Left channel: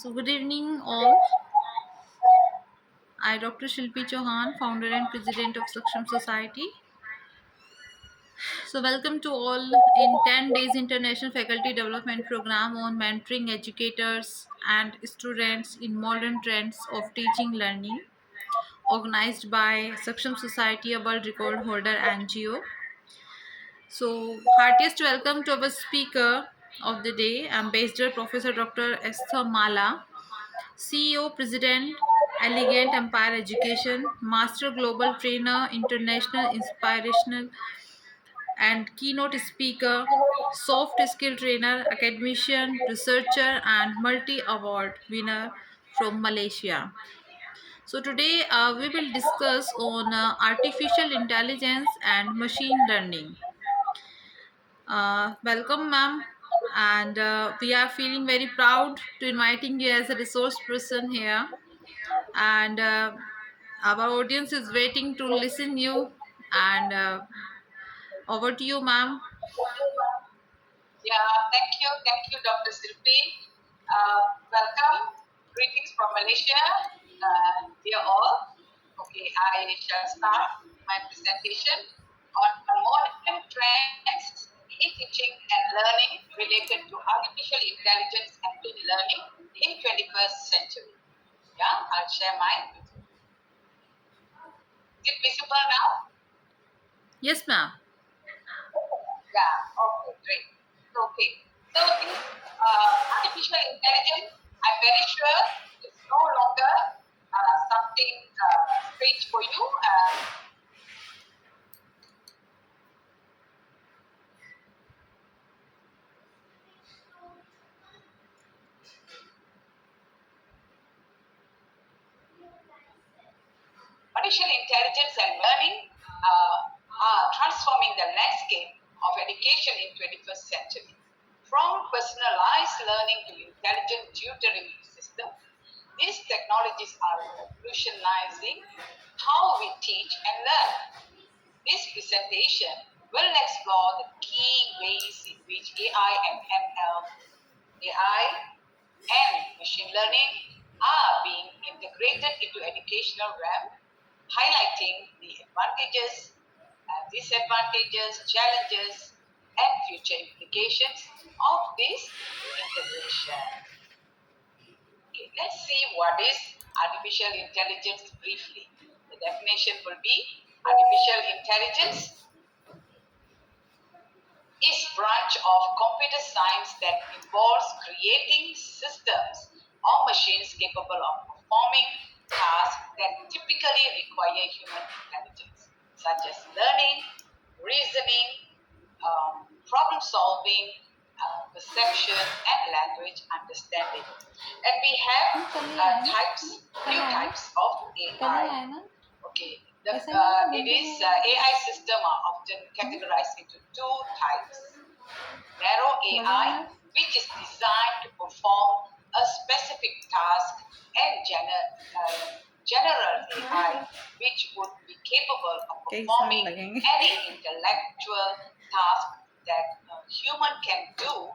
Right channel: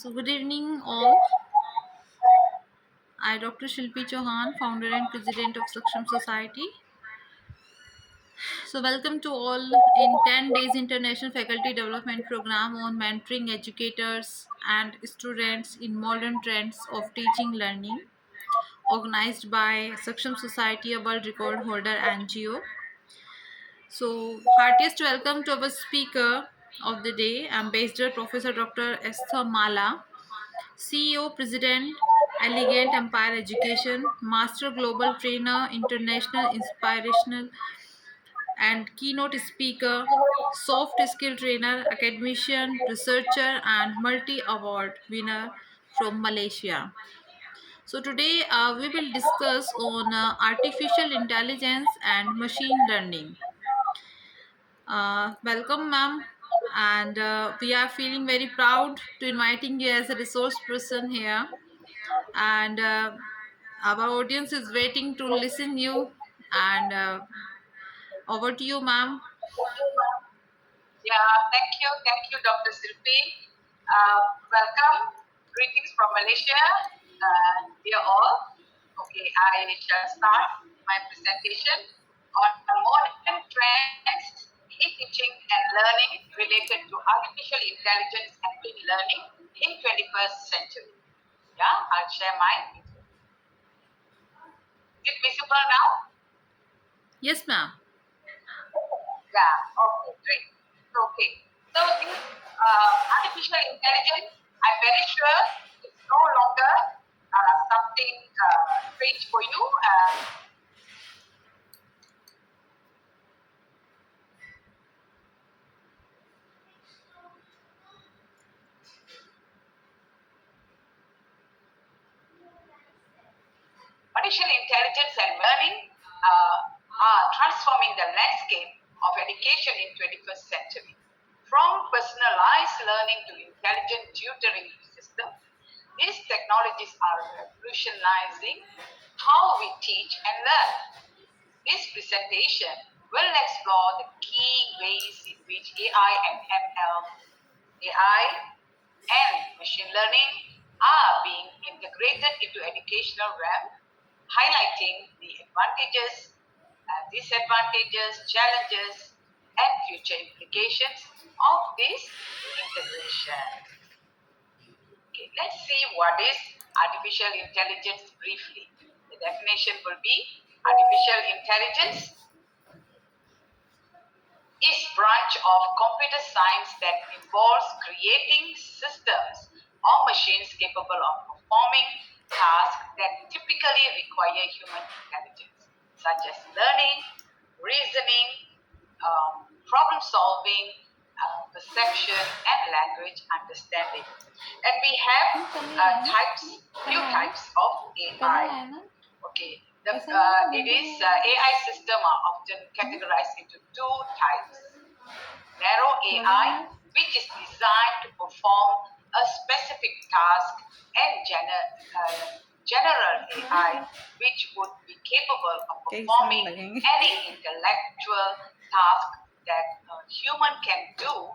So, good evening, all. I, Dr. Shilpi Chauhan, founder and president of Saksham Society. So, welcome to all in 10 days International Faculty Development Program on mentoring educators and students in modern trends of teaching learning, organized by Saksham Society, a world record holder NGO. So, heartiest welcome to our speaker of the day, Ambassador Professor Dr. Esther Mala, CEO, President, Elegant Empire Education, Master Global Trainer, International Inspirational and Keynote Speaker, Soft Skill Trainer, Academician, Researcher, and Multi Award winner from Malaysia. So today we will discuss on artificial intelligence and machine learning. Welcome, ma'am, and we are feeling very proud to inviting you as a resource person here. And our audience is waiting to listen you. And over to you, ma'am. Yeah, thank you, Dr. Silpi. Welcome, greetings from Malaysia, dear all. Okay, I shall start my presentation on modern trends in teaching and learning related to artificial intelligence and machine learning in 21st century. Yeah, I'll share my video. Is it visible now? Yes, ma'am. Yeah, okay, great. Okay, so this artificial intelligence, I'm very sure it's no longer something strange for you. Artificial intelligence and learning are transforming the landscape of education in 21st century. From personalized learning to intelligent tutoring systems, these technologies are revolutionizing how we teach and learn. This presentation will explore the key ways in which AI and machine learning are being integrated into educational realm, highlighting the advantages, disadvantages, challenges, and future implications of this integration. Okay, let's see what is artificial intelligence briefly. The definition will be artificial intelligence is branch of computer science that involves creating systems or machines capable of performing tasks that typically require human intelligence, such as learning, reasoning, problem solving, perception, and language understanding. And we have few types of AI. Okay, it is AI system are often categorized into two types. Narrow AI, which is designed to perform a specific task, and general AI, which would be capable of performing any intellectual task that a human can do.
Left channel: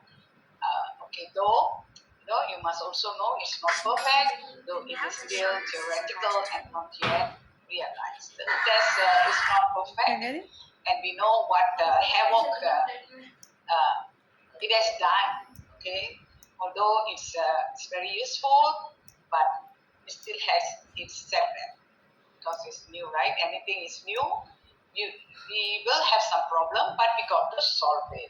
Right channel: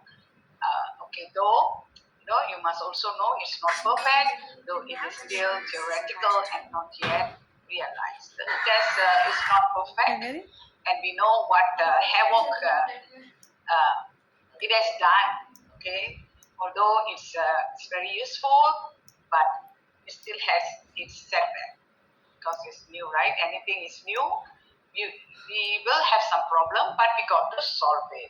Okay, though you must also know it's not perfect, though it is still theoretical and not yet realized. The test is not perfect, and we know what havoc it has done. Okay, although it's very useful, but it still has its setback because it's new, right? Anything is new, we will have some problem, but we got to solve it.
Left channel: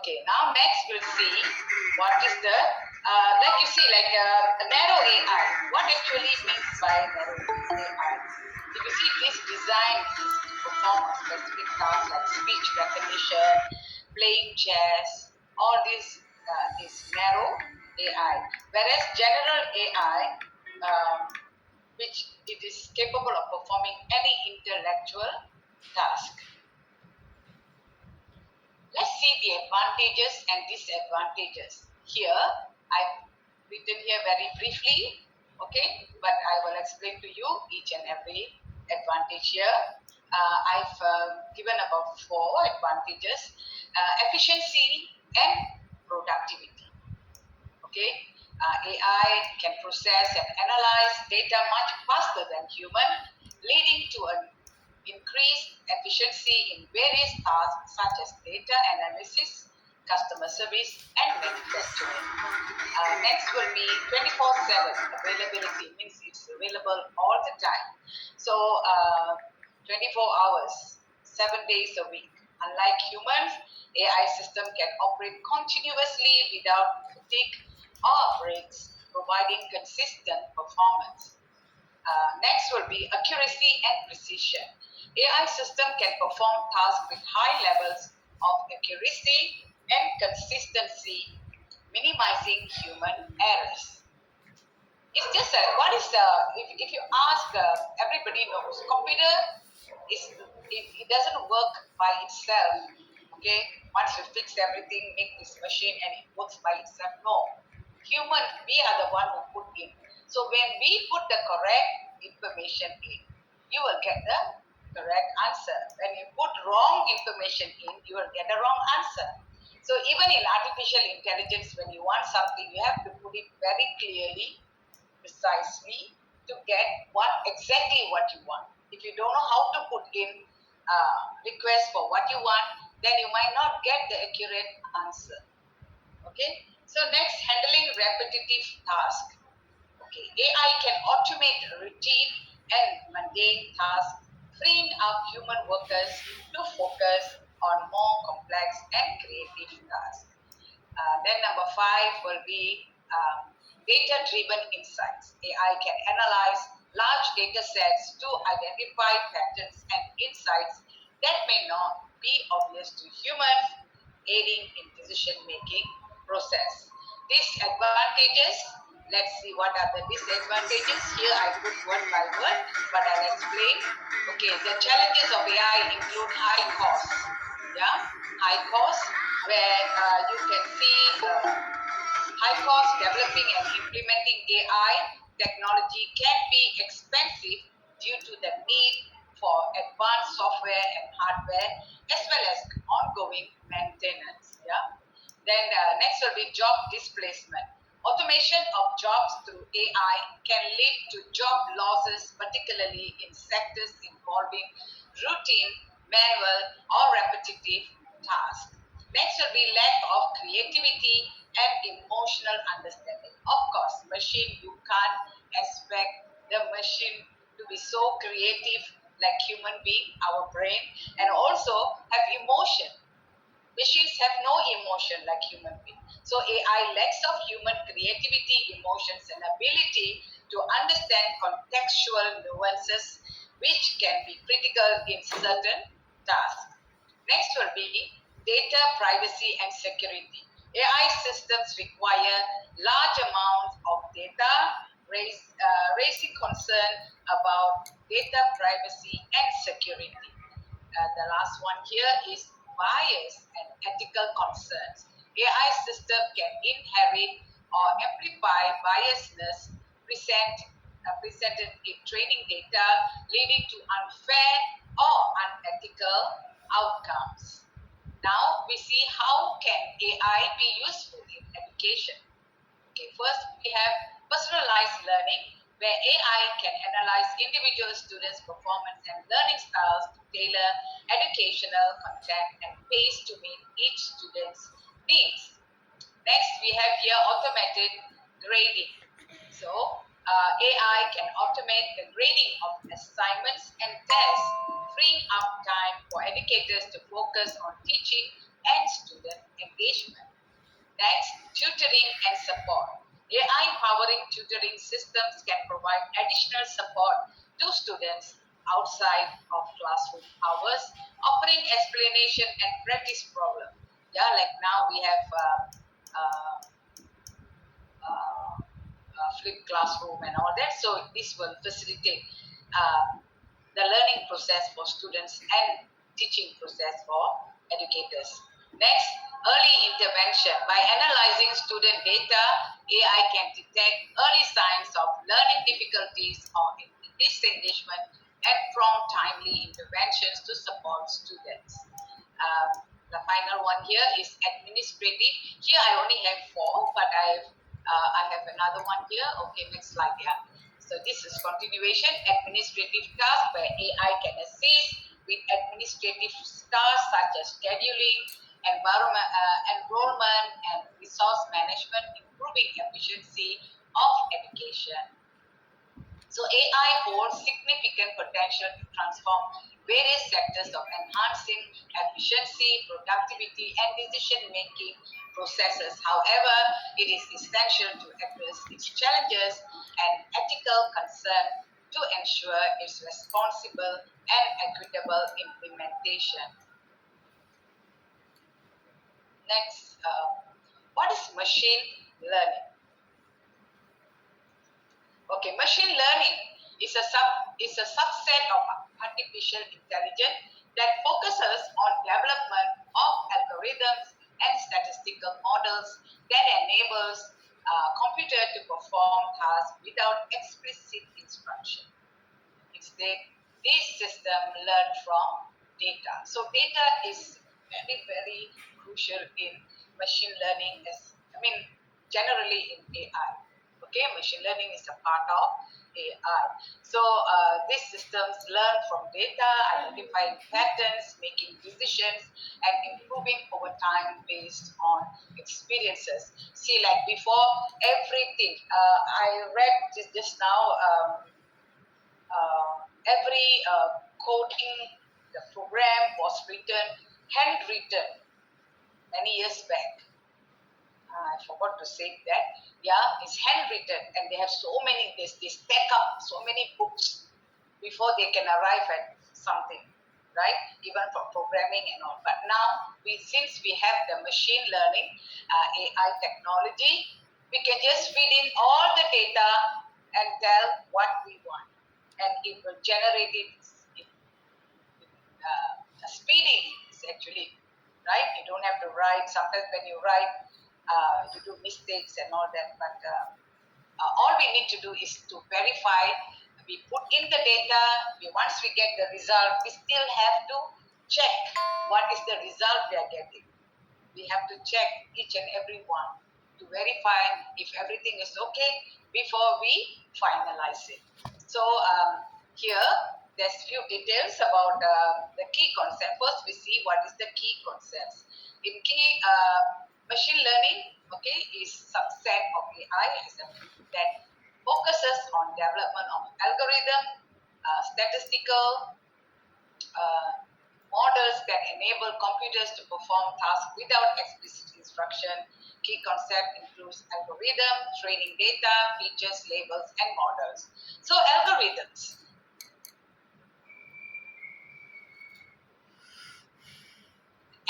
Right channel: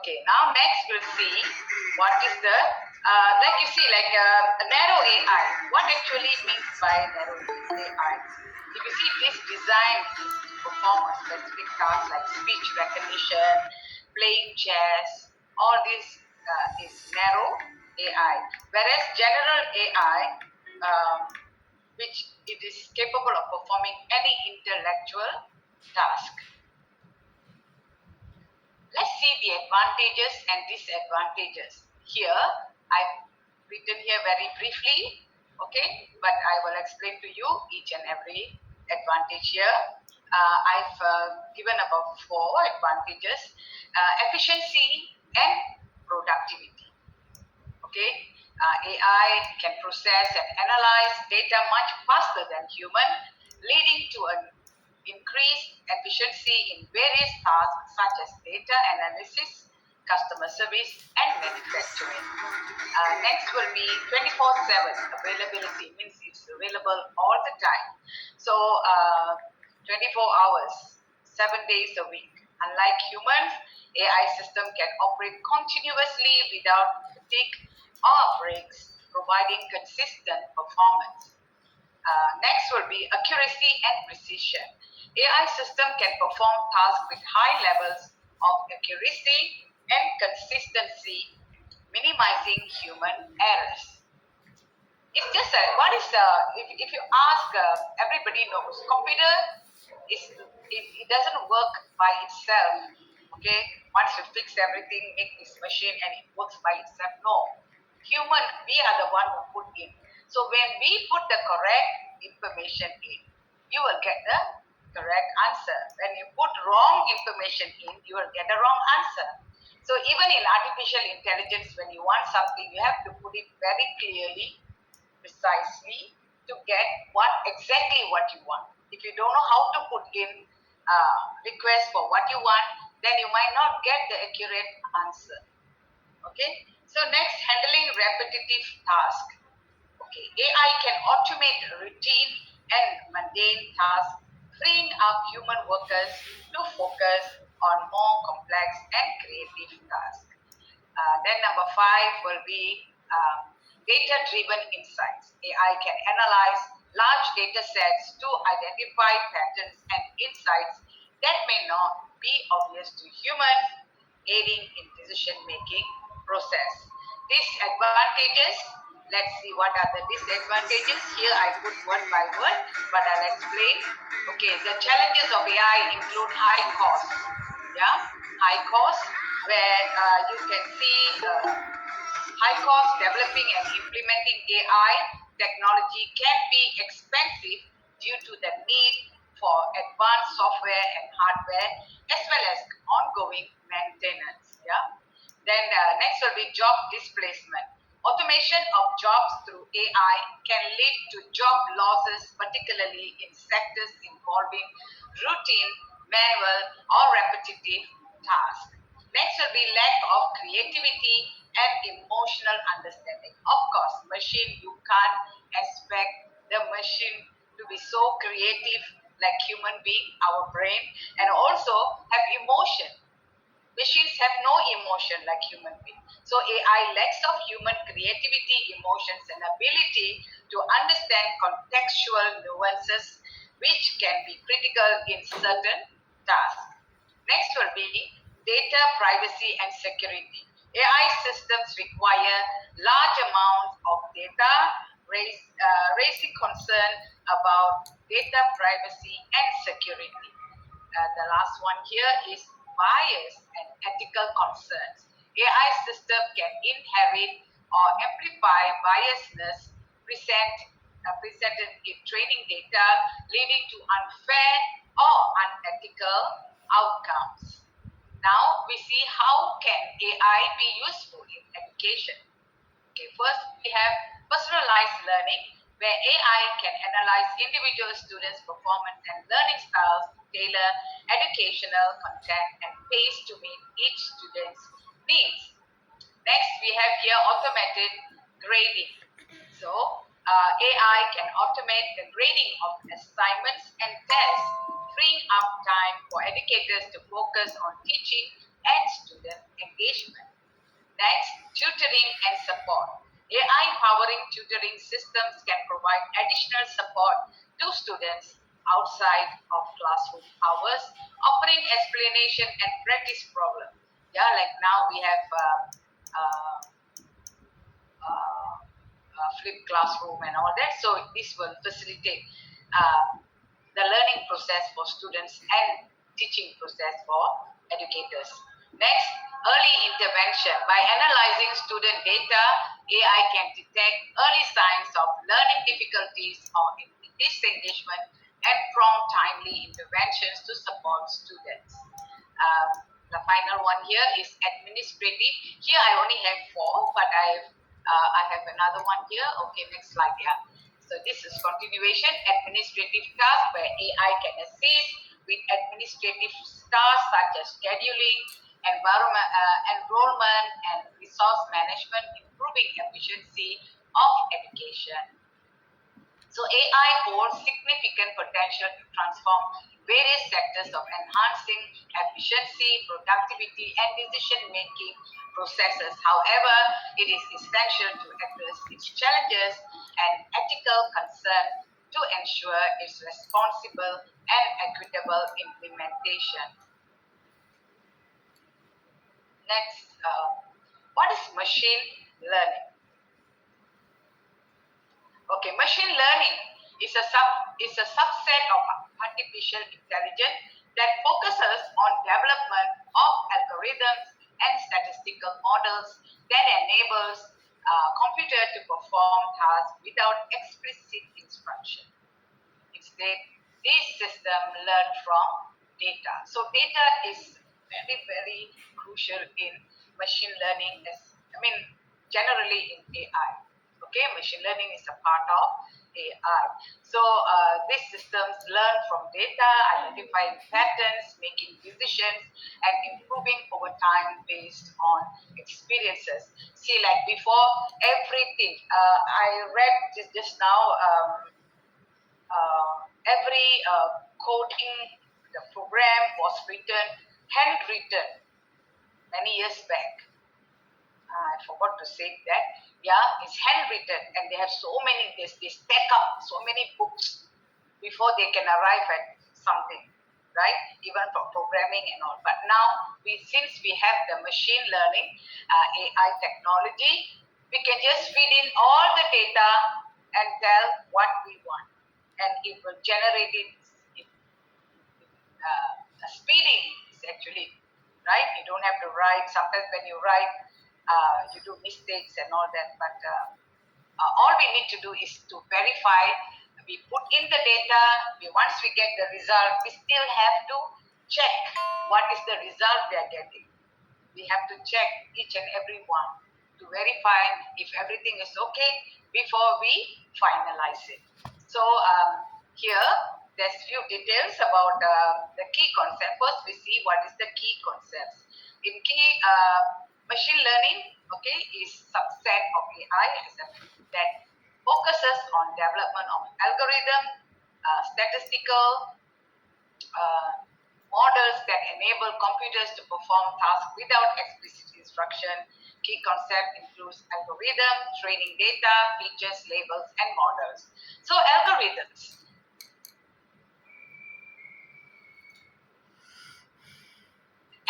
Okay, now next we'll see what is the, like you see, like a narrow AI. What actually means by narrow AI? If you see this design is to perform a specific task like speech recognition, playing chess, all this is narrow AI. Whereas general AI, which it is capable of performing any intellectual task. Let's see the advantages and disadvantages. Here, I've written here very briefly, okay, but I will explain to you each and every advantage here. I've given about 4 advantages: efficiency and productivity. Okay, AI can process and analyze data much faster than human, leading to an increased efficiency in various tasks such as data analysis, customer service, and manufacturing. Next will be 24/7 availability, means it's available all the time. So 24 hours, 7 days a week. Unlike humans, AI system can operate continuously without fatigue or breaks, providing consistent performance. Next will be accuracy and precision. AI system can perform tasks with high levels of accuracy and consistency, minimizing human errors. It's just what is the if you ask everybody knows computer is it doesn't work by itself. Okay, once you fix everything, make this machine and it works by itself. No, human we are the one who put in. So when we put the correct information in, you will get the correct answer. When you put wrong information in, you will get the wrong answer. So even in artificial intelligence, when you want something, you have to put it very clearly, precisely, to get what you want. If you don't know how to put in request for what you want, then you might not get the accurate answer. Okay. So next, handling repetitive tasks. Okay, AI can automate routine and mundane tasks, freeing up human workers to focus on more complex and creative tasks. Then number five will be data-driven insights. AI can analyze large data sets to identify patterns and insights that may not be obvious to humans, aiding in decision-making process. Disadvantages. Let's see what are the disadvantages. Here I put word by word, but I'll explain. Okay, the challenges of AI include high cost. Yeah, high cost where you can see high cost developing and implementing AI technology can be expensive due to the need for advanced software and hardware as well as ongoing maintenance. Yeah. Then next will be job displacement. Automation of jobs through AI can lead to job losses, particularly in sectors involving routine, manual, or repetitive tasks. Next will be lack of creativity and emotional understanding. Of course, machine, you can't expect the machine to be so creative like human being, our brain, and also have emotion. Machines have no emotion like human beings. So AI lacks of human creativity, emotions, and ability to understand contextual nuances, which can be critical in certain tasks. Next will be data privacy and security. AI systems require large amounts of data, raising concern about data privacy and security. The last one here is bias and ethical concerns. AI system can inherit or amplify biasness presented in training data, leading to unfair or unethical outcomes. Now we see how can AI be useful in education. Okay, first we have personalized learning, where AI can analyze individual students' performance and learning styles to tailor educational content and pace to meet each student's needs. Next, we have here automated grading. So, AI can automate the grading of assignments and tests, freeing up time for educators to focus on teaching and student engagement. Next, tutoring and support. AI powering tutoring systems can provide additional support to students outside of classroom hours, offering explanation and practice problem. Yeah, like now we have uh, flipped classroom and all that. So this will facilitate the learning process for students and teaching process for educators. Next, early intervention. By analyzing student data, AI can detect early signs of learning difficulties or disengagement and prompt timely interventions to support students. The final one here is administrative. Here I only have four, but I have I have another one here. Okay, next slide. Yeah. So this is continuation administrative task where AI can assist with administrative tasks such as scheduling, enrollment, and resource management, improving efficiency of education. So AI holds significant potential to transform various sectors of enhancing efficiency, productivity, and decision-making processes. However, it is essential to address its challenges and ethical concern to ensure its responsible and equitable implementation. Next, what is machine learning? Okay, machine learning is a subset of artificial intelligence that focuses on development of algorithms and statistical models that enables computer to perform tasks without explicit instruction. Instead, these systems learn from data. So data is very, very crucial in machine learning generally in AI. Okay, machine learning is a part of AI. So these systems learn from data, identifying patterns, making decisions, and improving over time based on experiences. See, like before, everything. I read just now. Every coding, the program was written, handwritten many years back. I forgot to say that. Yeah, it's handwritten, and they have so many. They stack up so many books before they can arrive at something, right? Even for programming and all. But now, since we have the machine learning, AI technology, we can just feed in all the data and tell what we want, and it will generate it speeding actually, right? You don't have to write. Sometimes when you write, you do mistakes and all that. But all we need to do is to verify. We put in the data. Once we get the result, we still have to check what is the result we are getting. We have to check each and every one to verify if everything is okay before we finalize it. So here, there's few details about the key concept. First, we see what is the key concepts. In key machine learning, okay, is subset of AI that focuses on development of algorithm, statistical models that enable computers to perform tasks without explicit instruction. Key concept includes algorithm, training data, features, labels, and models. So algorithms.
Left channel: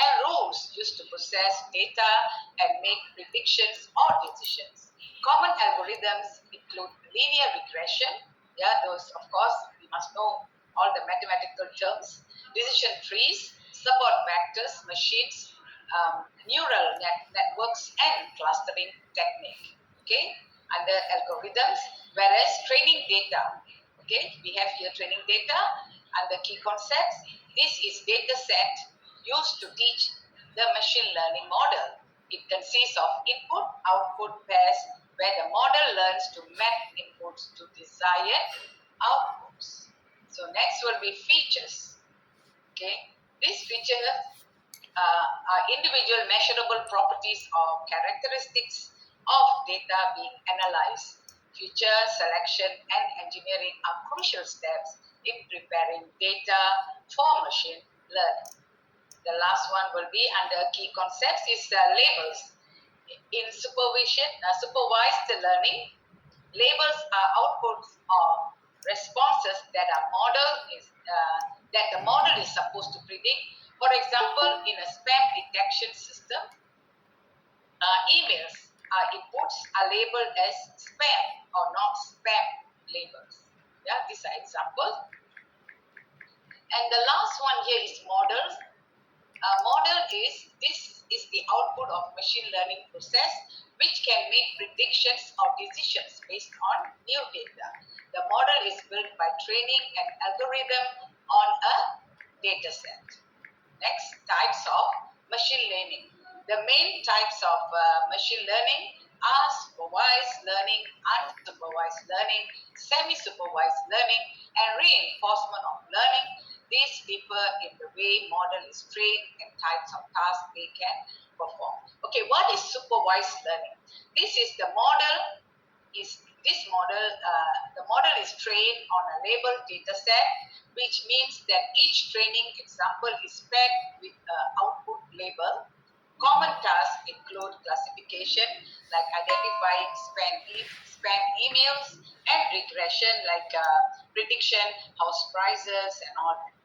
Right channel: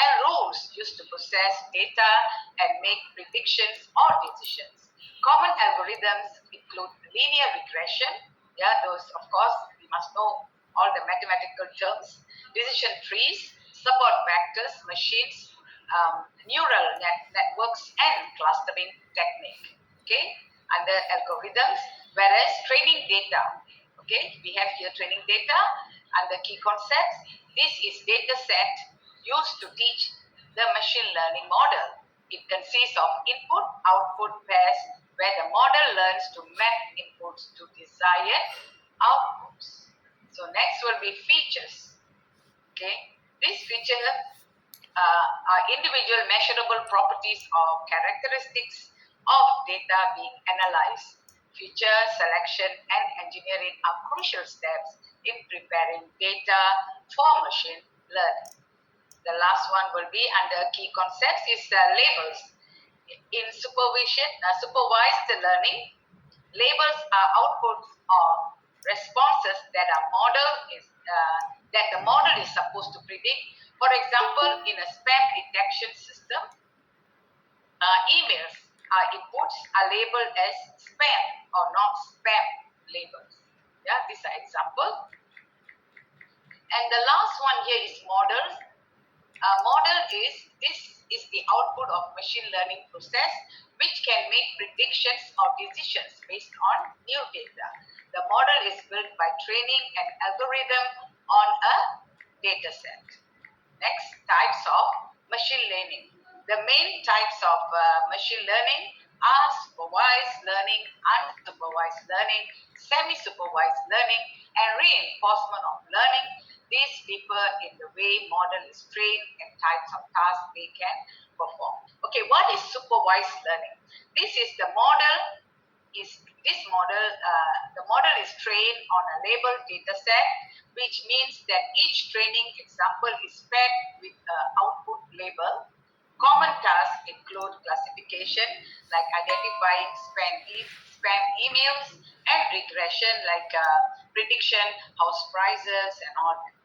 And rules used to process data and make predictions or decisions. Common algorithms include linear regression. Yeah, those, of course, you must know all the mathematical terms. Decision trees, support vectors, machines, neural networks, and clustering technique. Okay, under algorithms, whereas training data. Okay, we have here training data under key concepts. This is data set used to teach the machine learning model. It consists of input-output pairs where the model learns to map inputs to desired outputs. So next will be features. Okay, these features are individual measurable properties or characteristics of data being analyzed. Feature selection and engineering are crucial steps in preparing data for machine learning. The last one will be under key concepts is labels. In supervised learning, labels are outputs or responses that the model is supposed to predict. For example, in a spam detection system, emails inputs are labeled as spam or not spam labels. Yeah, these are examples. And the last one here is models. Model is the output of machine learning process which can make predictions or decisions based on new data. The model is built by training an algorithm on a data set. Next, types of machine learning. The main types of machine learning are supervised learning, unsupervised learning, semi-supervised learning, and reinforcement of learning. These differ in the way model is trained and types of tasks they can perform. Okay, what is supervised learning? This is the model is this model, the model is trained on a labeled data set, which means that each training example is fed with an output label. Common tasks include classification, like identifying spam emails, and regression, like prediction, house prices, and all that.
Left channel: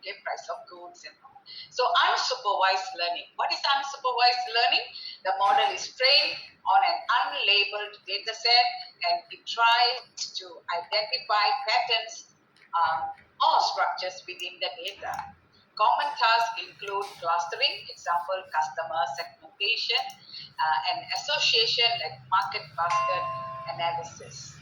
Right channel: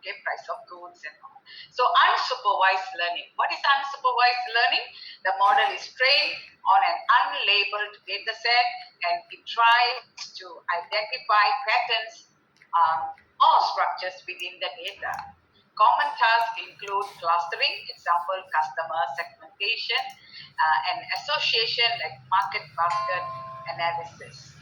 Okay, price of goods and all. So unsupervised learning. What is unsupervised learning? The model is trained on an unlabeled data set and it tries to identify patterns or structures within the data. Common tasks include clustering, example, customer segmentation, and association like market basket analysis.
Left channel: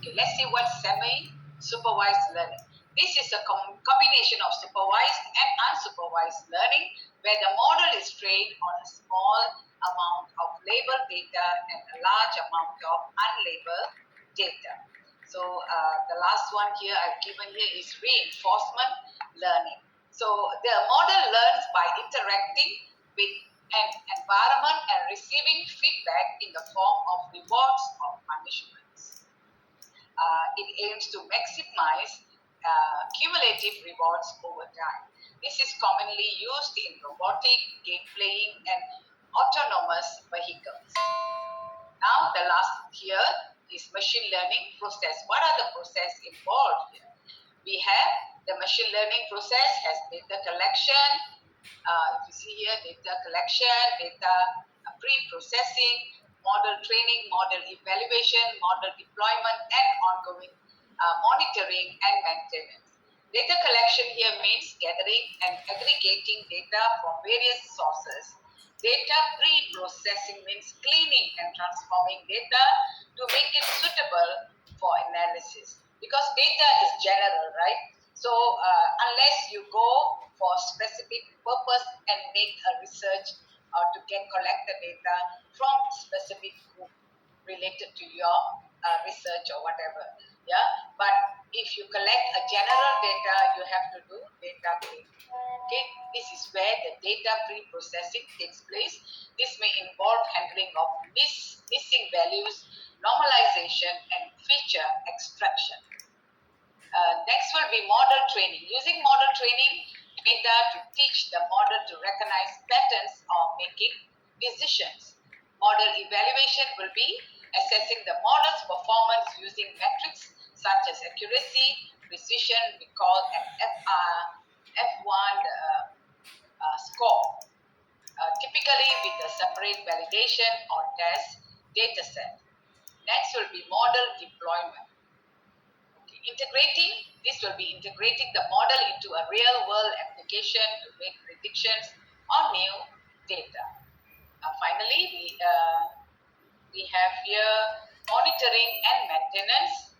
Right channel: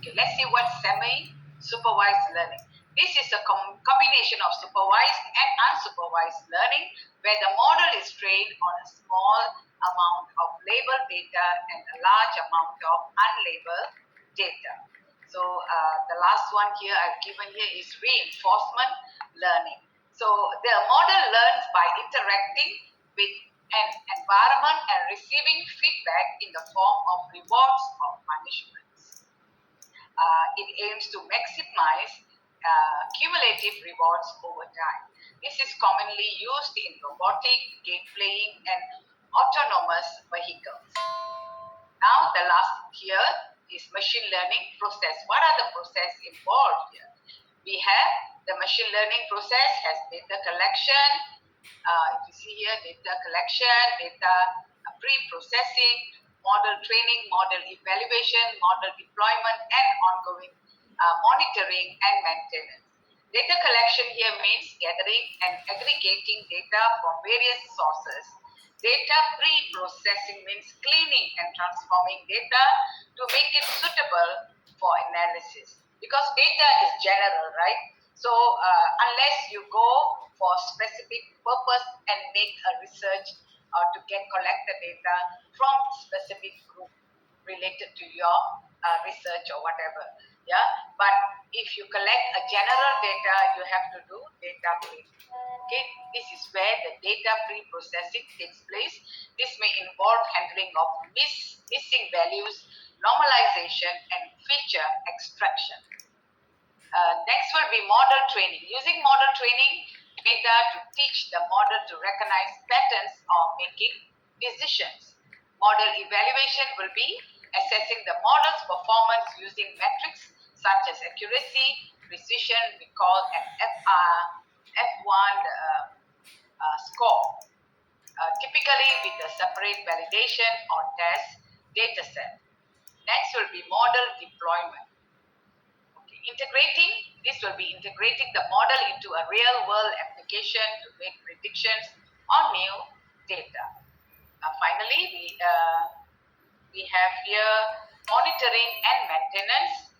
Okay, let's see what semi-supervised learning. This is a combination of supervised and unsupervised learning where the model is trained on a small amount of labeled data and a large amount of unlabeled data. So the last one here I've given here is reinforcement learning. So the model learns by interacting with an environment and receiving feedback in the form of rewards or punishments. It aims to maximize cumulative rewards over time. This is commonly used in robotic, game playing, and autonomous vehicles. Now, the last here is machine learning process. What are the process involved here? We have the machine learning process has data collection. If you see here, data collection, data pre-processing, model training, model evaluation, model deployment, and ongoing monitoring and maintenance. Data collection here means gathering and aggregating data from various sources. Data pre-processing means cleaning and transforming data to make it suitable for analysis. Because data is general, right? So unless you go for specific purpose and make a research or to collect the data from specific group related to your research or whatever. Yeah, but if you collect a general data, you have to do data cleaning. Okay, this is where the data pre-processing takes place. This may involve handling of missing values, normalization, and feature extraction. Next will be model training. Using model training data to teach the model to recognize patterns or making decisions. Model evaluation will be assessing the model's performance using metrics such as accuracy, precision, recall, and F1 score, typically with a separate validation or test data set. Next will be model deployment. This will be integrating the model into a real-world application to make predictions on new data. Finally, we have here monitoring and maintenance,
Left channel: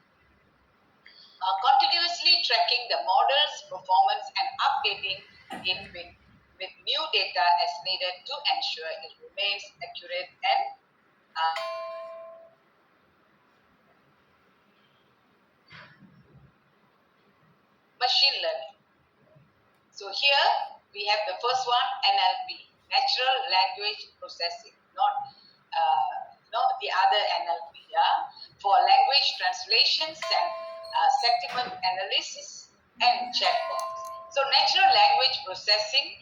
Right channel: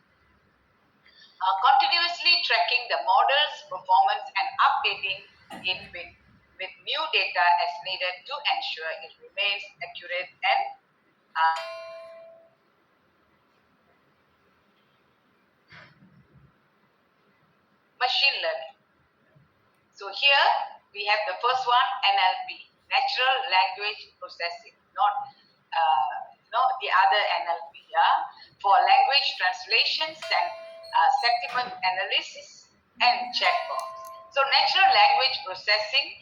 continuously tracking the model's performance and updating it with new data as needed to ensure it remains accurate and machine learning. So here we have the first one, NLP, natural language processing, not the other NLP, for language translations and sentiment analysis and chatbots. So natural language processing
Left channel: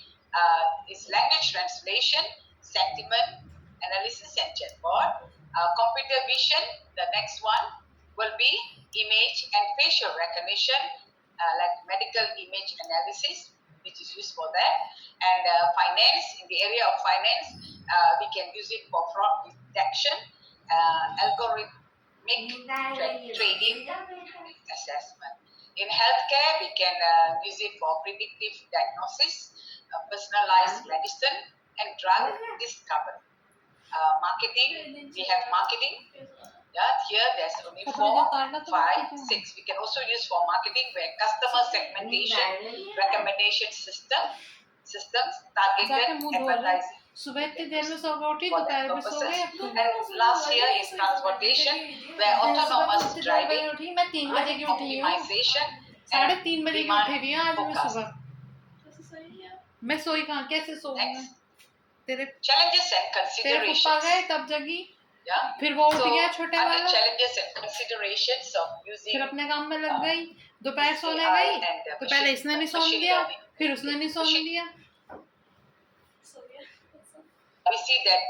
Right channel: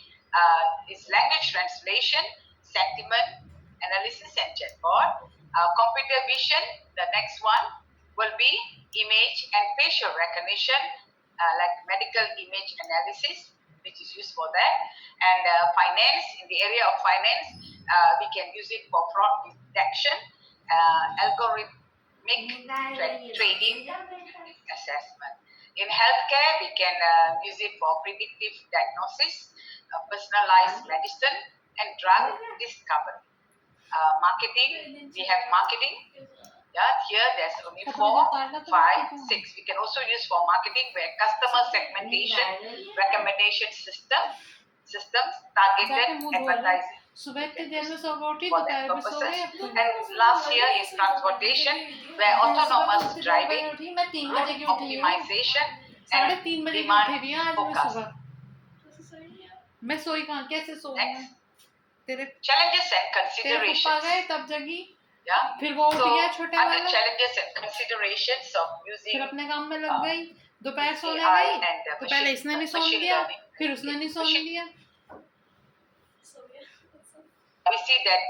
is language translation, sentiment analysis and chatbot. Computer vision, the next one will be image and facial recognition, like medical image analysis, which is used for that. And finance, in the area of finance, we can use it for fraud detection, algorithmic trading assessment. In healthcare, we can use it for predictive diagnosis, personalized medicine, and drug discovery. Marketing, we have marketing. Yeah, here there's only 4, 5, 6. We can also use for marketing where customer segmentation, recommendation systems, targeted advertising. सुबह इतनी देर में सो उठी, for that दोपहर में सो purposes. गए अब तो। And last year is transportation, where autonomous उतनी देर driving बजे उठी, मैं 3 बजे की उठी हूँ, optimization 3:30 बजे की demand उठी हुई हूँ आज मैं forecast. सुबह। मैं सोई कहाँ, कैसे सोऊं मैं? तेरे Challenges and तेरे पप्पा considerations. गए तब जगी, Yeah. फिर वो उठ So, गया छोटे other वाला, challenges and considerations of using फिर अपने काम में लग गई, दोपहर सोने AI गई, and तो पहले इसने नहीं सोने machine दिया, learning. फिर उसने नहीं सोने दिया। We see that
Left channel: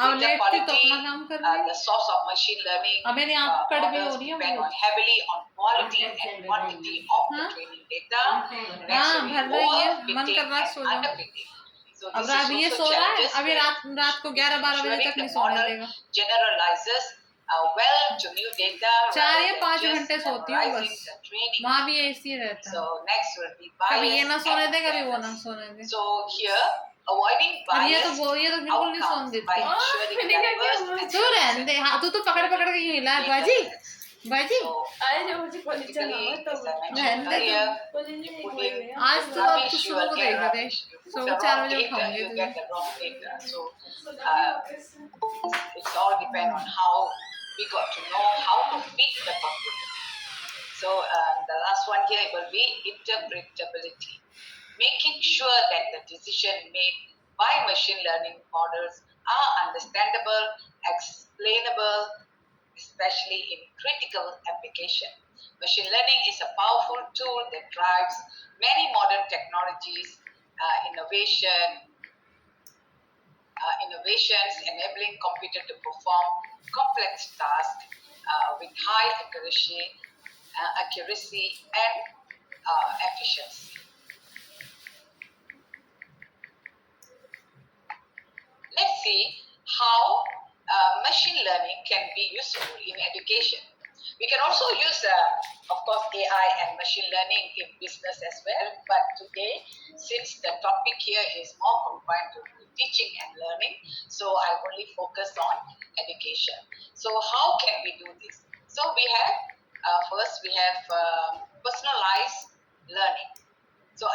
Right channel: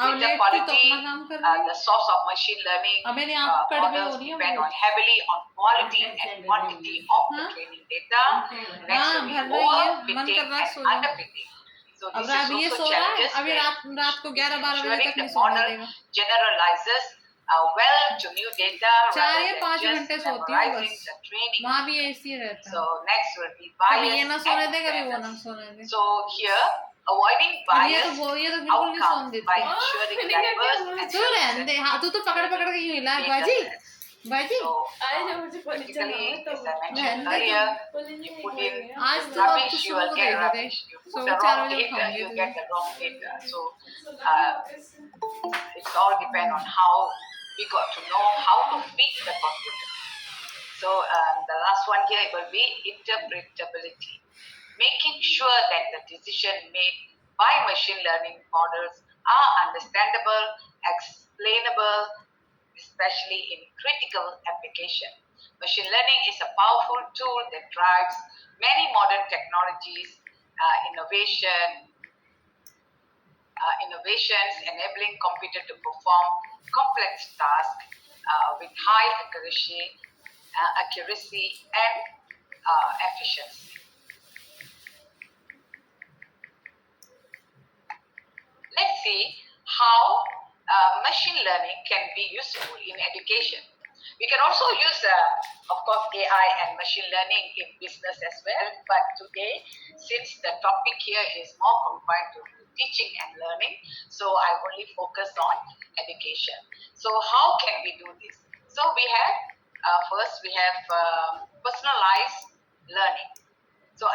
अब data लेट थी तो quality, अपना काम कर रही the source of machine learning अब मेरी आंख कड़वी हो models रही है depend मुझे। on heavily on quality and quantity of the हाँ? training data. Next हाँ, will be भर रही है, overfitting मन कर रहा है and सो जाओ। underfitting. So अब this is ये also सो रहा है, challenges. अभी रात को 11-12 बजे तक Ensuring नहीं the सोने model देगा। generalizes well to new data 4 rather या than 5 just घंटे सोती हूँ memorizing बस, the training. वहाँ भी ऐसी रहता है, So next will be कभी ये bias ना सोने and दे, कभी वो ना fairness. सोने दे। So here, avoiding और ये तो biased बिल्कुल नहीं सोने outcomes by देती। ensuring diverse and तू रहने दे, हाँ तू पकड़ के यूं हिला है बाजी, बाजी। So, typically, as I mentioned रहने दे earlier, तू। you put in आज तो अब rubbish, तू you सुबह will को get देख दे, rubbish. You put the सुबह 4 wrong बजे data, उठाऊंगी you तुझे। get the wrong data. So, it's all depend on how we got to know how to feed the computer. So, the last one here will be interpretability. Making sure that the decision made by machine learning models are understandable, explainable, especially in critical application. Machine learning is a powerful tool that drives many modern technologies, innovations, enabling computer to perform complex tasks with high accuracy and efficiency. Let's see how machine learning can be useful in education. We can also use, of course, AI and machine learning in business as well. But today, since the topic here is more confined to teaching and learning, so I only focus on education. So how can we do this? So we have, first we have personalized learning. So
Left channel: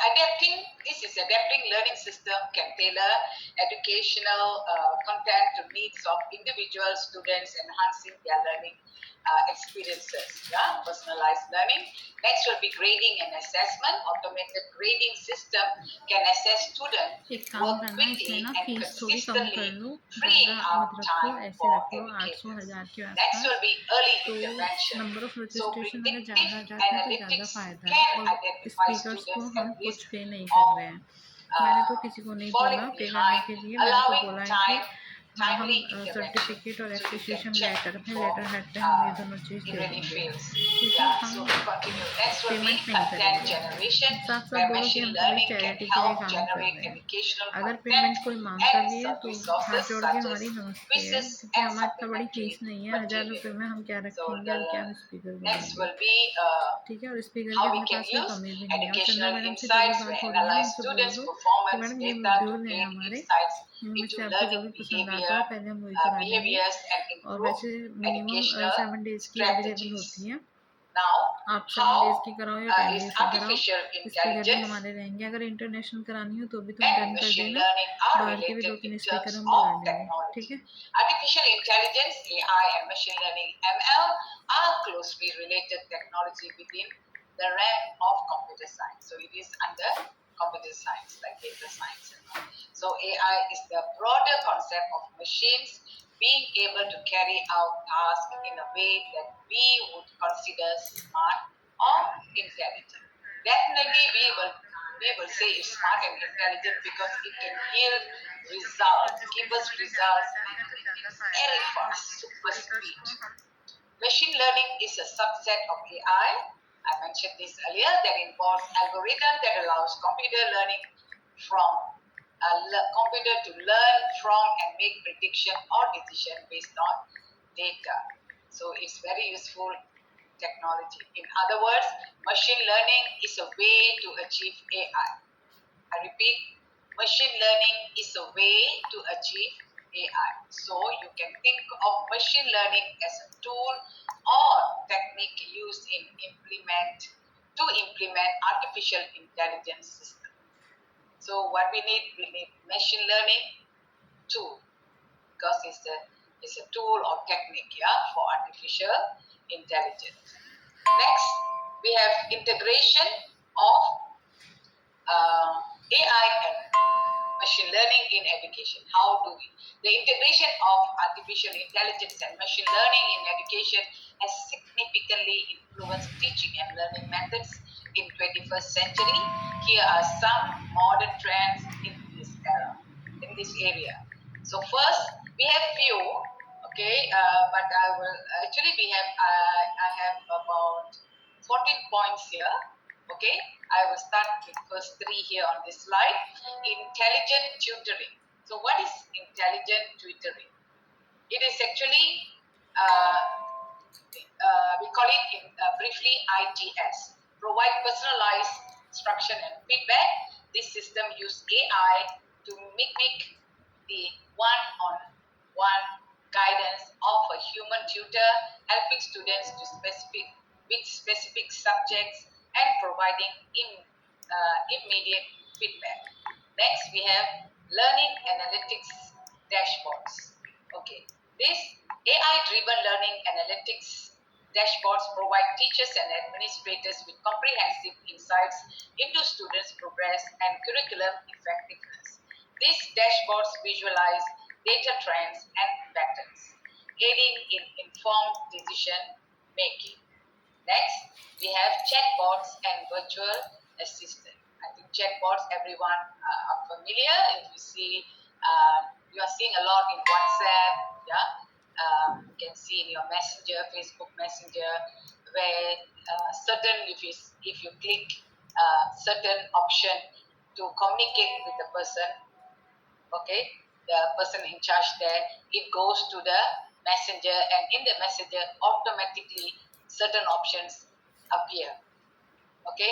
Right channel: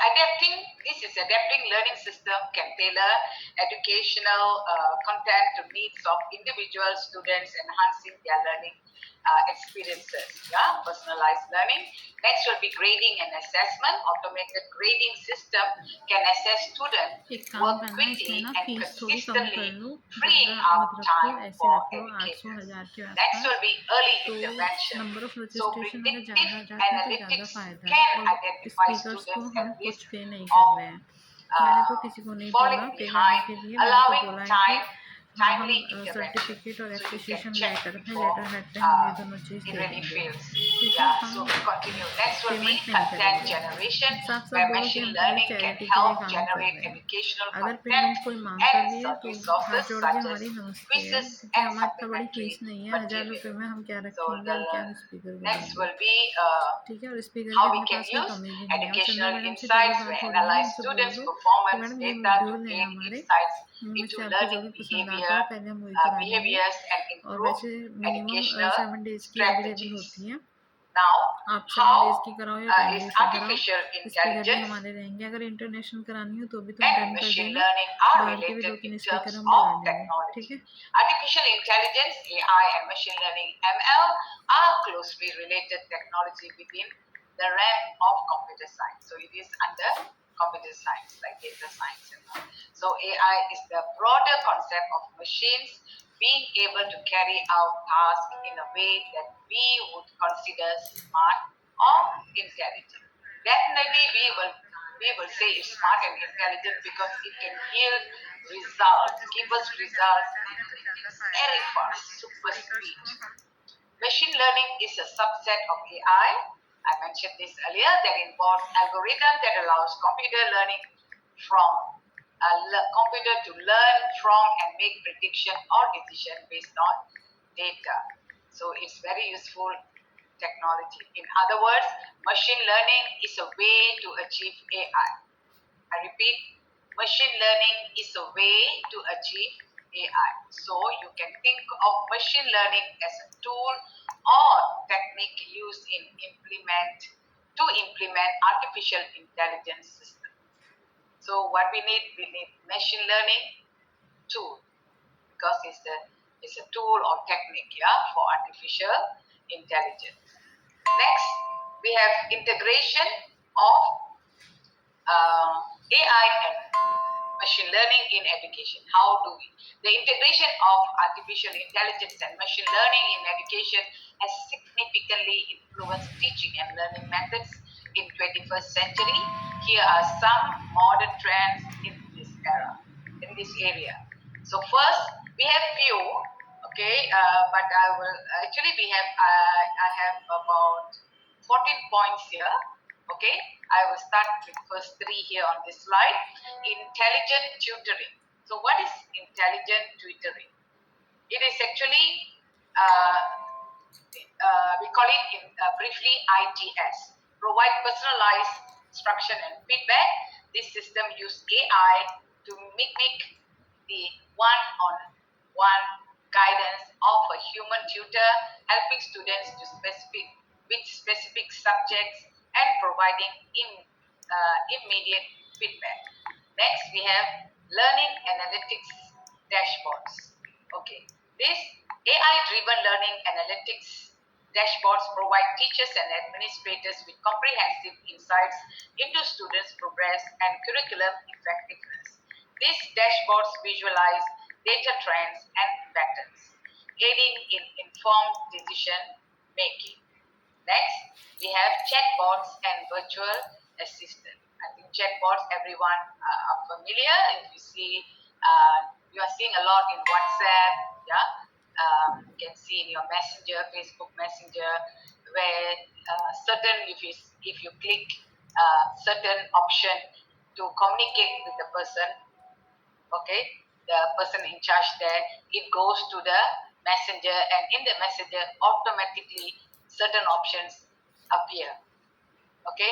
this is adapting learning system can tailor educational content to needs of individual students, enhancing their learning experiences. Yeah, personalized learning. Next will be grading and assessment. Automated grading system can assess students एक काम work करना, इसमें quickly ना and fees थोड़ी कम कर consistently, लो, freeing ज़्यादा up मत रखो, time ऐसे for रख लो 800-1000 के educators. Next आसपास। will be early तो intervention. Number of So registration अगर predictive ज़्यादा जाते हैं तो ज़्यादा analytics फ़ायदा है, can और identify स्पीकर्स को students हम at कुछ risk पे नहीं कर of रहे हैं। मैंने तो किसी को नहीं बोला falling पे करने behind, के लिए, मैंने तो allowing बोला है कि हाँ हम timely intervention. सर्टिफिकेट और So you can appreciation check letter में, before लेटर हेड पे हम ये दोनों चीज़ it दे really देंगे। fails. ठीक है, Yeah, हम so we continue. Next will be payment नहीं content करेंगे। generation, साफ साफ where बोलो कि machine हम पूरी learning can चैरिटी के लिए help काम कर generate रहे हैं। educational अगर content पेमेंट कोई मांगता and भी है तो हाथ resources जोड़ के such as हमारी नमस्ते है, quizzes क्योंकि and हमारी इतना बड़ी supplementary फीस नहीं है, 1000 material. रुपये में हम क्या So रखेंगे the और क्या हम स्पीकर next बनाएंगे। will be ठीक है, और स्पीकर की how we अपने can पास कोई use कमी भी नहीं है। और चंदा educational मैडम से जो भी insights. बात We हो रही है ना, analyze उनसे बोल students' दो कि performance मैडम ये data to मॉड्यूल है gain हमारे, insights मैं into से आपको जो learning भी पसंद आता behavior, है पहले हम वही करा देंगे। behaviors and और improve वैसे मिनिमम educational 7 डेज की अवेलेबल strategies. होती है, Now, आप 7 how डेज की कराओ या 10 is डेज की कराओ, artificial स्पीकर भी intelligence हमारे रहेंगे। अगर इंटरनेशनल करानी हो तो भी तुम and डन कर machine देना, learning are बाहर के भी related 2-3 in स्पीकर terms हम of बुला लेंगे। technology. ठीक है, Artificial intelligence, AI, and machine learning (ML) are closely related technology within the realm of computer science. So it is under computer science, like data science and all. So AI is the broader concept of machines being able to carry out tasks in a way that we would consider smart or intelligent. Definitely, we will say it's smart and intelligent because it can yield results, give us results very fast, super speed. Machine learning is a subset of AI. I mentioned this earlier, that involves algorithms that allows computer to learn from and make prediction or decision based on data. So it's very useful technology. In other words, machine learning is a way to achieve AI. I repeat, machine learning is a way to achieve AI. So you can think of machine learning as a tool or technique used to implement artificial intelligence system. So what we need machine learning, tool, because it's a tool or technique, yeah, for artificial intelligence. Next, we have integration of AI and machine learning in education. How do we? The integration of artificial intelligence and machine learning in education has significantly influenced teaching and learning methods in 21st century. Here are some modern trends in this era, in this area. So first, we have few, okay, but I will actually we have I have about 14 points here. Okay, I will start with first three here on this slide. Intelligent tutoring. So what is intelligent tutoring? It is actually, we call it briefly ITS. Provide personalized instruction and feedback. This system use AI to mimic the one-on-one guidance of a human tutor, helping students to specific subjects and providing immediate feedback. Next, we have learning analytics dashboards. Okay, this AI-driven learning analytics dashboards provide teachers and administrators with comprehensive insights into students' progress and curriculum effectiveness. These dashboards visualize data trends and patterns, aiding in informed decision making. Next, we have chatbots and virtual assistant. I think chatbots, everyone are familiar. If you see, you are seeing a lot in WhatsApp, yeah. You can see in your Messenger, Facebook Messenger, where if you click certain option to communicate with the person, okay, the person in charge there, it goes to the messenger, and in the messenger automatically certain options appear. Okay,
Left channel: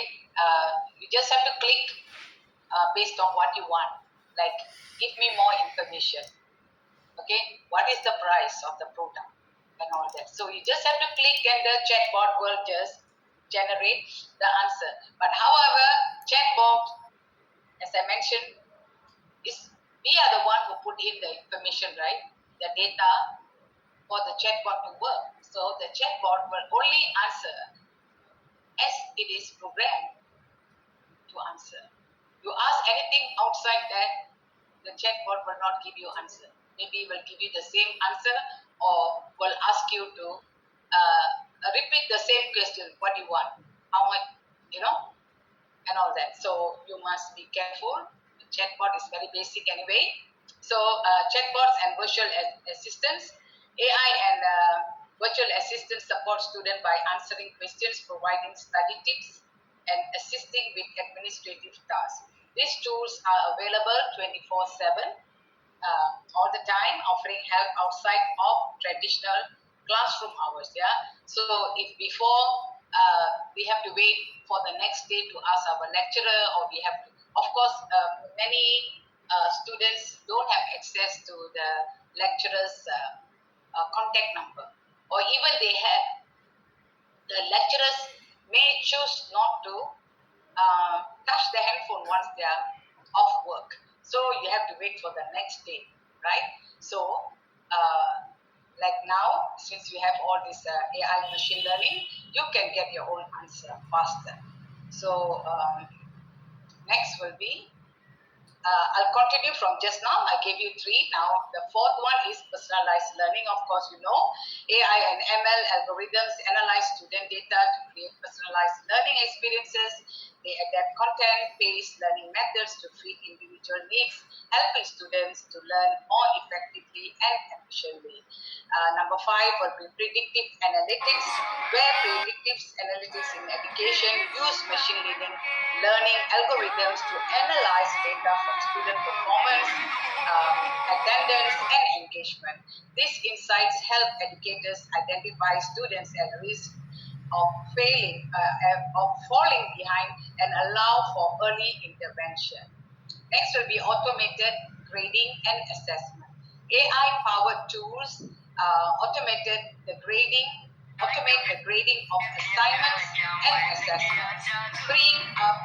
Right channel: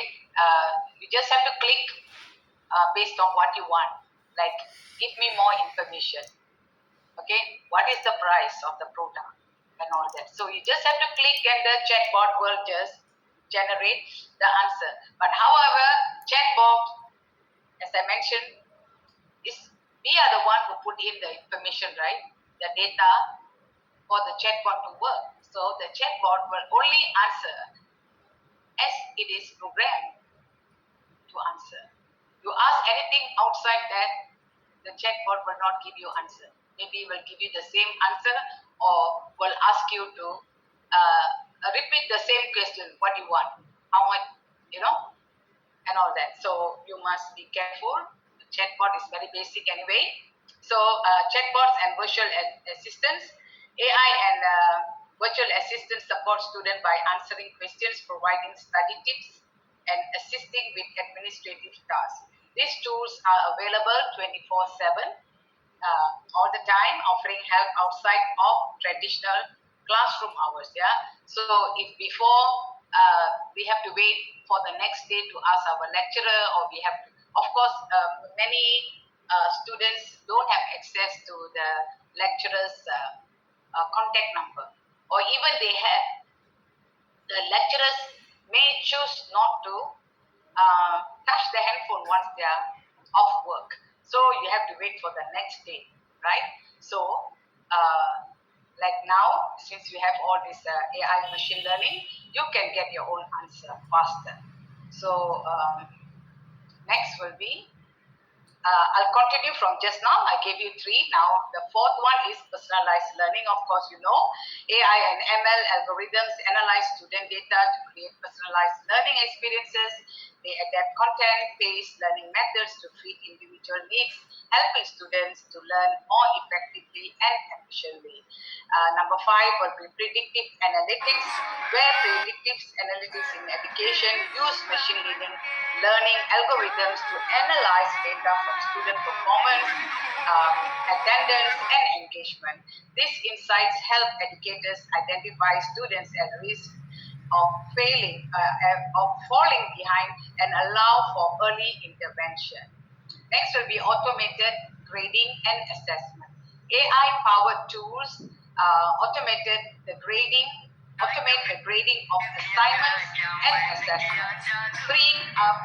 you just have to click based on what you want, like give me more information. Okay, what is the price of the product and all that. So you just have to click and the chatbot will just generate the answer. But however, chatbot, as I mentioned, is we are the one who put in the information, right? The data for the chatbot to work. So the chatbot will only answer as it is programmed to answer. You ask anything outside that, the chatbot will not give you answer. Maybe it will give you the same answer or will ask you to repeat the same question, what you want, how much, and all that. So you must be careful. The chatbot is very basic anyway. So chatbots and virtual assistants, AI and virtual assistants support students by answering questions, providing study tips, and assisting with administrative tasks. These tools are available 24/7 all the time, offering help outside of traditional classroom hours. Yeah. So if before we have to wait for the next day to ask our lecturer, or we have to, of course, many students don't have access to the lecturer's contact number, or even they have, the lecturers may choose not to touch the handphone once they are off work. So you have to wait for the next day, right? So, like now, since we have all this AI machine learning, you can get your own answer faster. So, next will be I'll continue from just now. I gave you three. Now, the fourth one is personalized learning. Of course, you know, AI and ML algorithms analyze student data to create personalized learning experiences. They adapt content-based learning methods to fit individual needs, helping students to learn more effectively and efficiently. Number five will be predictive analytics, where predictive analytics in education use machine learning algorithms to analyze data from student performance, attendance, and engagement. These insights help educators identify students at risk of falling behind, and allow for early intervention. Next will be automated grading and assessment. AI-powered tools automate the grading of assignments and assessments, freeing up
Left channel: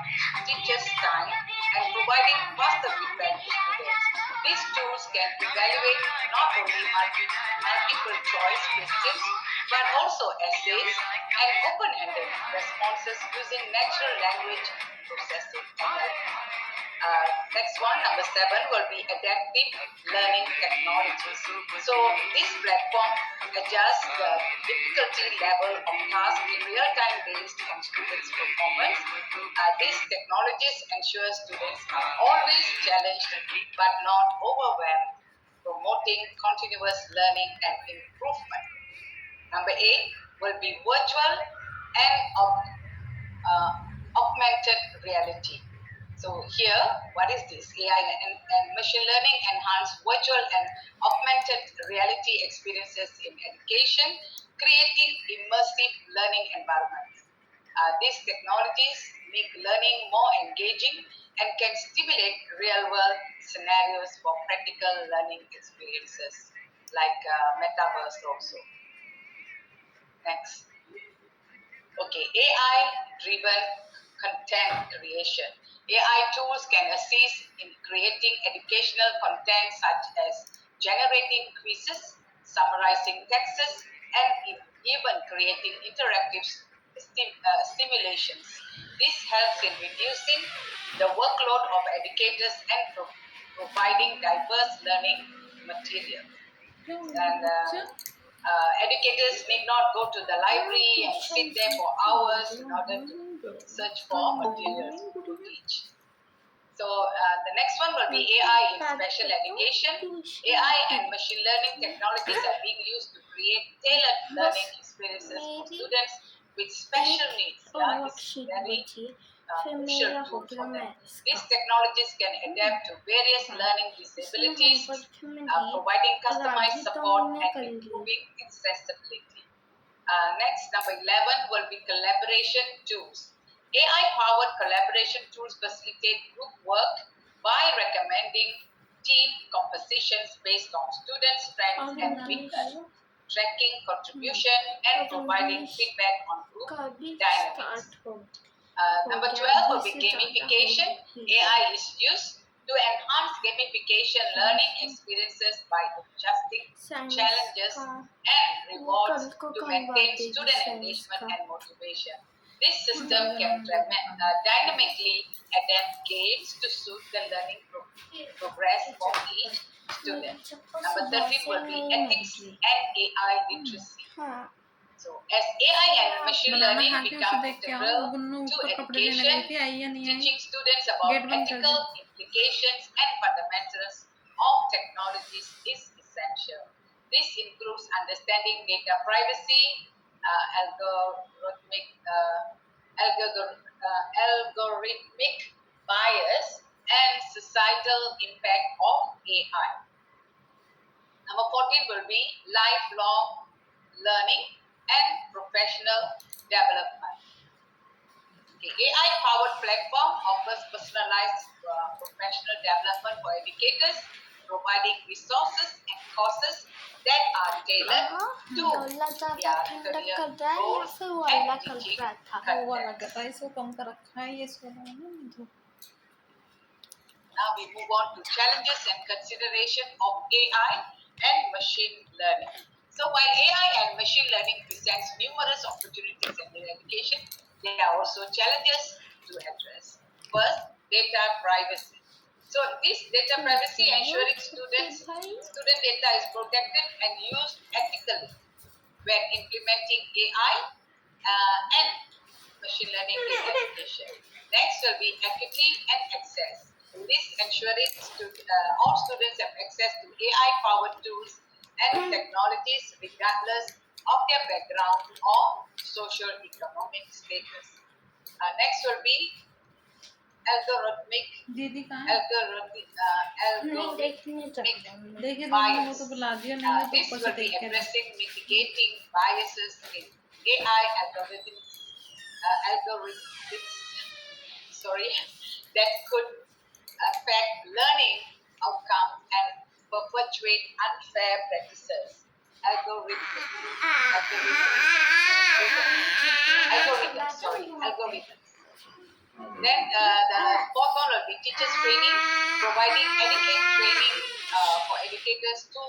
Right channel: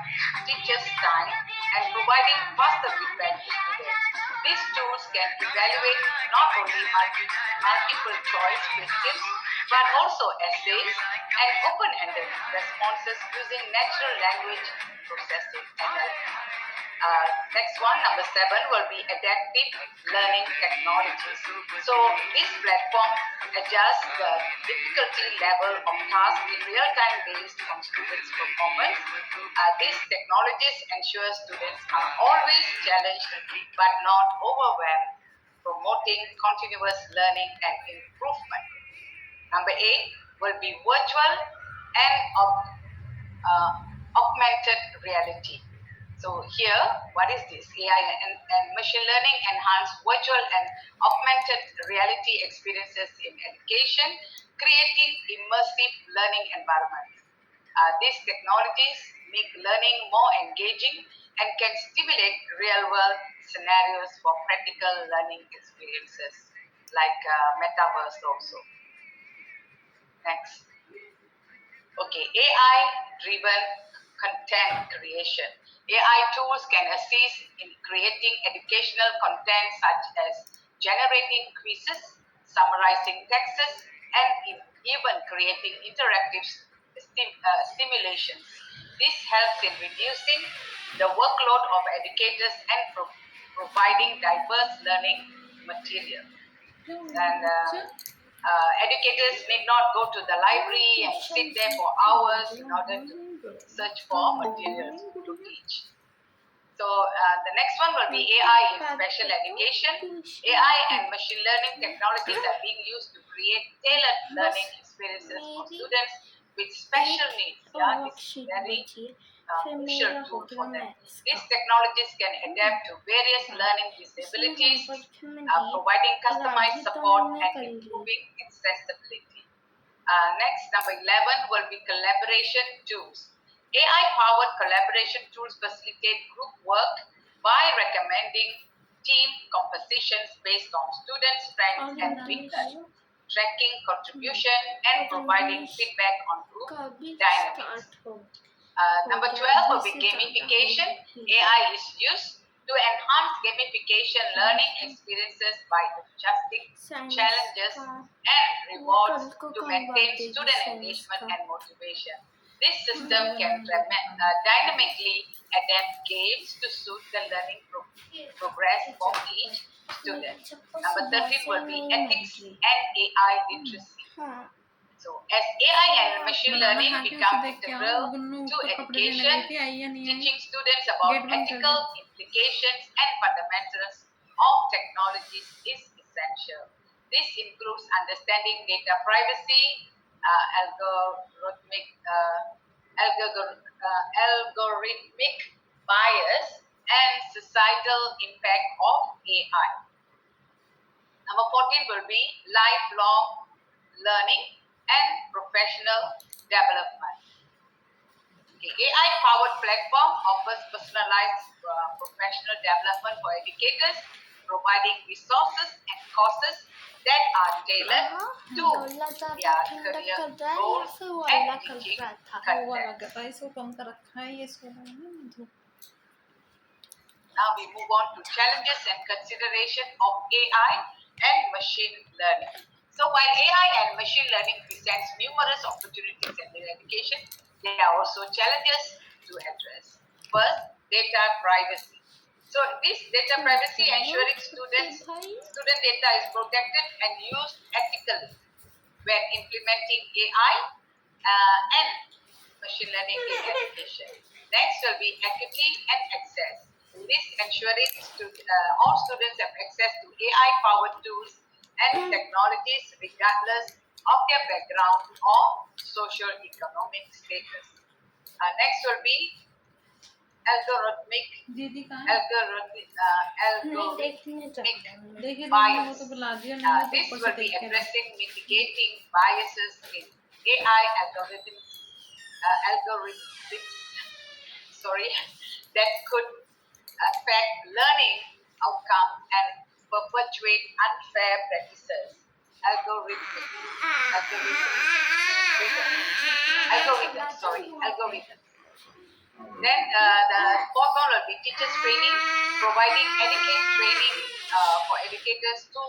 teachers' time and providing faster feedback to students. These tools can evaluate not only multiple choice questions but also essays and open-ended responses using natural language processing (NLP). Next one, number 7, will be adaptive learning technologies. So this platform adjusts the difficulty level of tasks in real time based on students' performance. These technologies ensure students are always challenged but not overwhelmed, promoting continuous learning and improvement. Number 8 will be virtual and uh, augmented reality. So here, what is this? AI and machine learning enhance virtual and augmented reality experiences in education, creating immersive learning environments. These technologies make learning more engaging and can stimulate real-world scenarios for practical learning experiences, like metaverse also. Next. Okay, AI-driven content creation. AI tools can assist in creating educational content such as generating quizzes, summarizing texts, and even creating interactive simulations. This helps in reducing the workload of educators and providing diverse learning material. And educators need not go to the library and sit there for hours in order to search for materials to teach. So the next one will be AI in special education. AI and machine learning technologies are being used to create tailored learning experiences for students with special needs. Yeah, this is very crucial tool for them. These technologies can adapt to various learning disabilities, providing customized support and improving accessibility. Next, number 11 will be collaboration tools. AI-powered collaboration tools facilitate group work by recommending team compositions based on students' strengths and weaknesses, tracking contribution, and providing feedback on group dynamics. Number 12 will be gamification. AI is used to enhance gamification learning experiences by adjusting challenges and rewards to maintain student engagement and motivation. This system can dynamically adapt games to suit the learning progress for each student. Number 13 will be ethics and AI literacy. So, as AI and machine banana learning खा के उसे become देख के आओ वो integral Gunnu to ऊपर कपड़े देने education, गई थी आई या नहीं आई teaching students about गेट बंद कर ethical they implications and fundamentals of technologies is essential. This includes understanding data privacy, algorithmic, algorithmic bias, and societal impact of AI. Number 14 will be lifelong learning and professional development. Okay. AI-powered platform offers personalized professional development for educators, providing resources and courses that are tailored to their career goals and teaching वो वाला content. गता इसको कम कर रखा है ये इसको Now we move on to challenges and consideration of AI and machine learning. So while AI and machine learning presents numerous opportunities in education, there are also challenges to address. First, data privacy. So this data privacy ensuring student data is protected and used ethically when implementing AI and machine learning in education. Next will be equity and access. This ensuring all students have access to AI-powered tools and technologies regardless of their background or socio-economic status. Next will be algorithmic दीदी कहाँ है देखिए तुमने वो bias. तो बुला दिया नहीं है तो This ऊपर से will be देख के addressing mitigating biases in AI algorithms, sorry, that could affect learning outcomes and perpetuate unfair practices. Algorithms. Sorry, algorithms. Then the fourth one will be teachers training, providing adequate training for educators to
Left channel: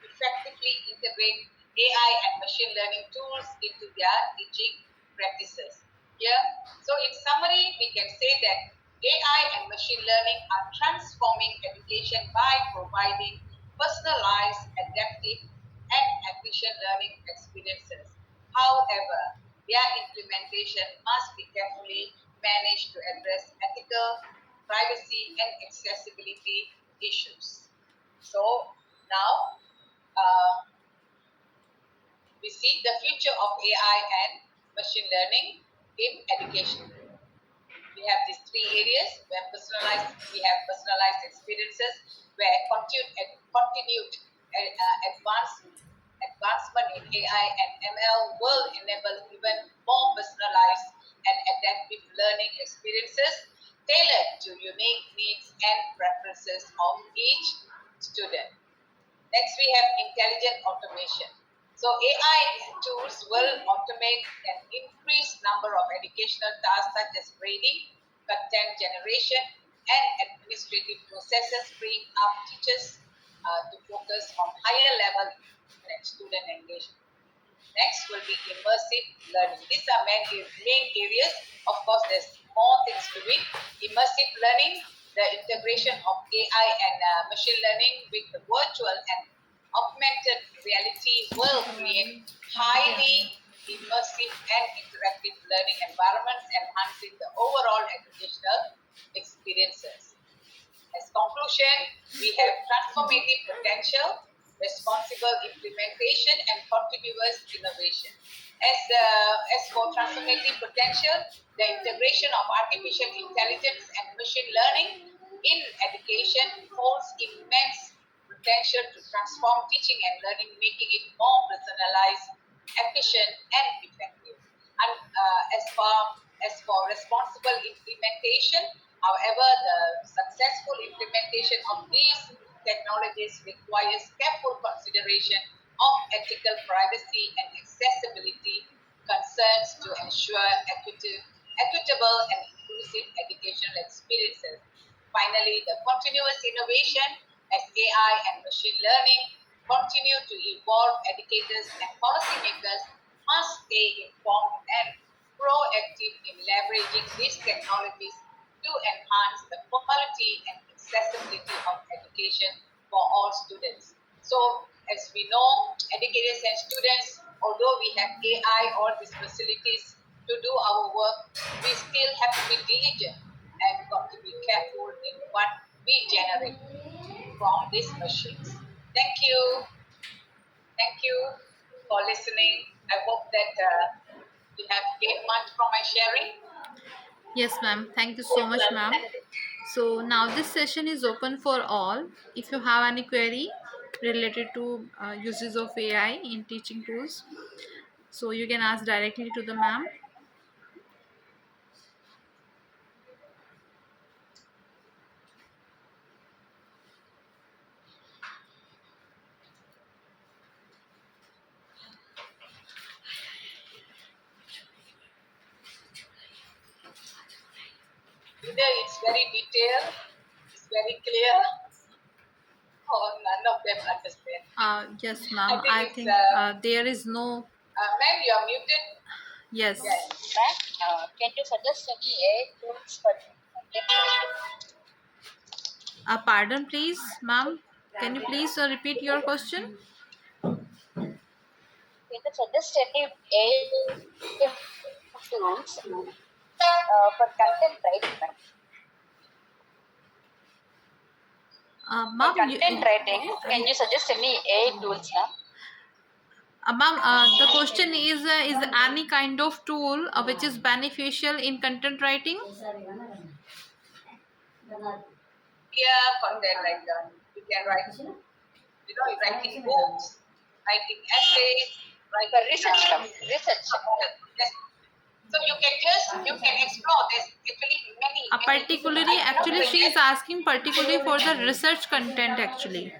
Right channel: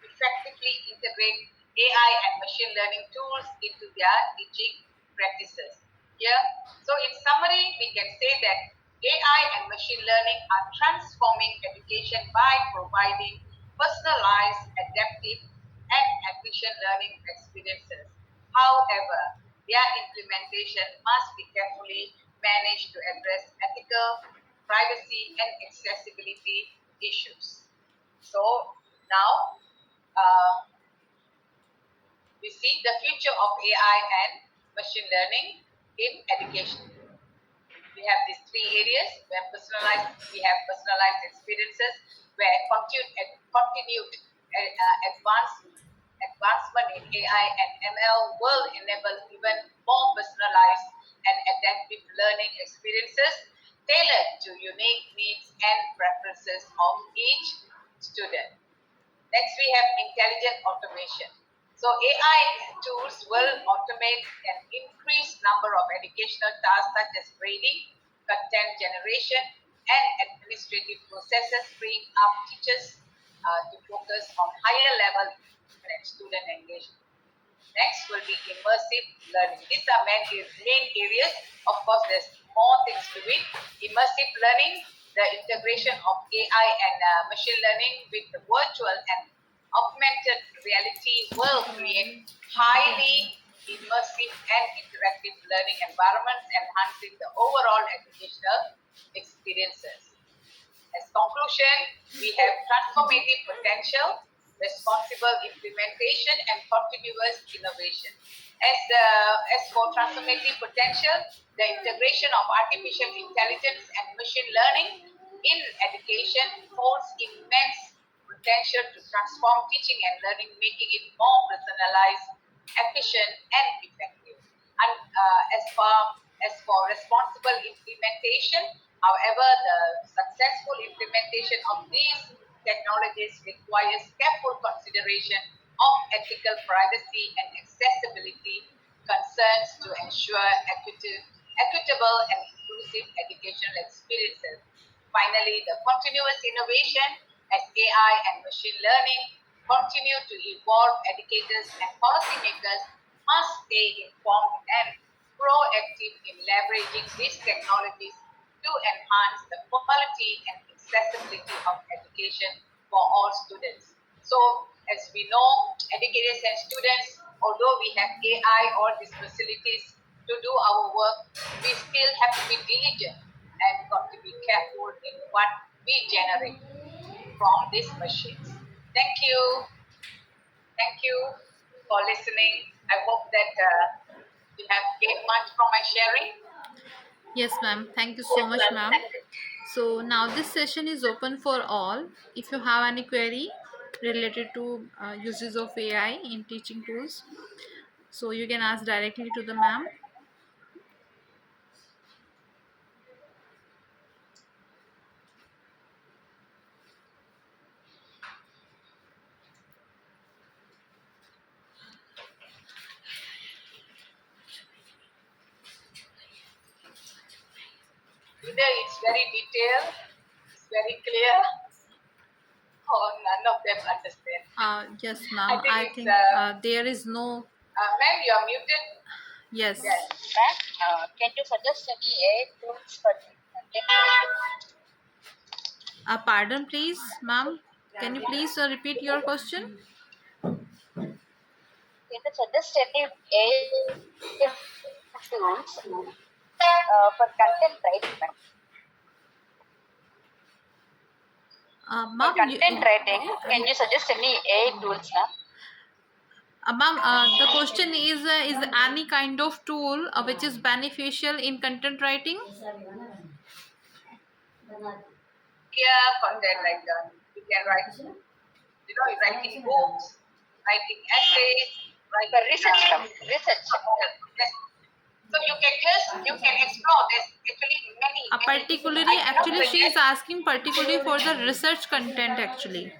effectively integrate AI and machine learning tools into their teaching practices. Here, so in summary, we can say that AI and machine learning are transforming education by providing personalized, adaptive, and efficient learning experiences. However, their implementation must be carefully managed to address ethical, privacy, and accessibility issues. So now we see the future of AI and machine learning in education. We have these three areas where we have personalized experiences, where continued advancement in AI and ML will enable even more personalized and adaptive learning experiences tailored to unique needs and preferences of each student. Next, we have intelligent automation. So AI tools will automate an increased number of educational tasks such as grading, content generation, and administrative processes, freeing up teachers to focus on higher level student engagement. Next will be immersive learning. These are main areas. Of course, there's more things to it. Immersive learning, the integration of AI and machine learning with the virtual and augmented reality will create highly immersive and interactive learning environments, enhancing the overall educational experiences. As conclusion, we have transformative potential, responsible implementation, and continuous innovation. As for transformative potential, the integration of artificial intelligence and machine learning in education holds immense potential to transform teaching and learning, making it more personalized, efficient, and effective. And as for responsible implementation, however, the successful implementation of these technologies requires careful consideration of ethical privacy and accessibility concerns to ensure equitable and inclusive educational experiences. Finally, the continuous innovation as AI and machine learning continue to evolve, educators and policymakers must stay informed and proactive in leveraging these technologies to enhance the quality and accessibility of education for all students. So, as we know, educators and students, although we have AI or these facilities to do our work, we still have to be diligent and got to be careful in what we generate from these machines. Thank you. Thank you for listening. I hope that you have gained much from my sharing. Yes, ma'am. Thank you so much, ma'am. So now this session is open for all. If you have any query related to uses of AI in teaching tools, so you can ask directly to the ma'am. Either it's very detailed, it's very clear, or none of them understand. Yes, I ma'am. think I it's, think there is no. ma'am, you're muted. Yes. Yes. Ma'am, can you suggest any AI tools for Pardon, please, ma'am. Can you please repeat your question? can you suggest any AI tools for content writing, ma'am? For Ma'am, content writing, can you suggest any AI tools, ma'am? ma'am, the question is any kind of tool which is beneficial in content writing? Yeah, content writer. You can write, writing books, writing essays, writing research, research. Yes. So you can explore. There's actually many, many. Actually, she is asking particularly for the research content actually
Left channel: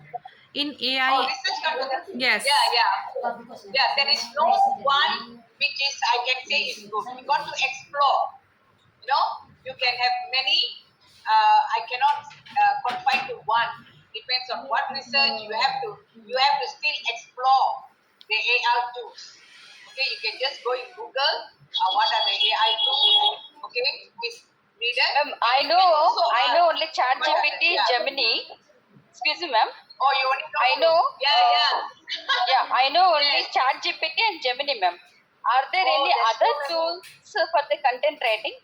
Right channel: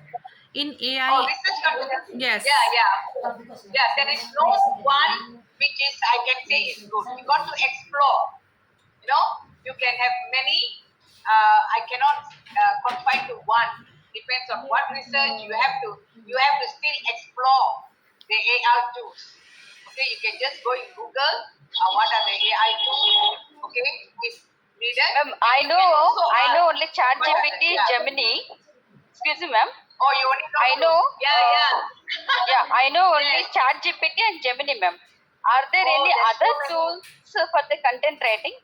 in AI. Oh, research content. Yes. Yeah, yeah. Yeah, there is no one which is I can say is good. You got to explore, you know. You can have many. I cannot confine to one. Depends on what research you have to. You have to still explore the AI tools. Okay, you can just go in Google. What are the AI tools? Okay, it's needed. Ma'am, And you can also I know only Chat what are- GPT, yeah. Gemini. Excuse me, ma'am. Oh, you only know I two. know. Yeah. Yeah, I know only Yes. Chat GPT and Gemini, ma'am. Are there Oh, any there's other so many. tools for the content writing?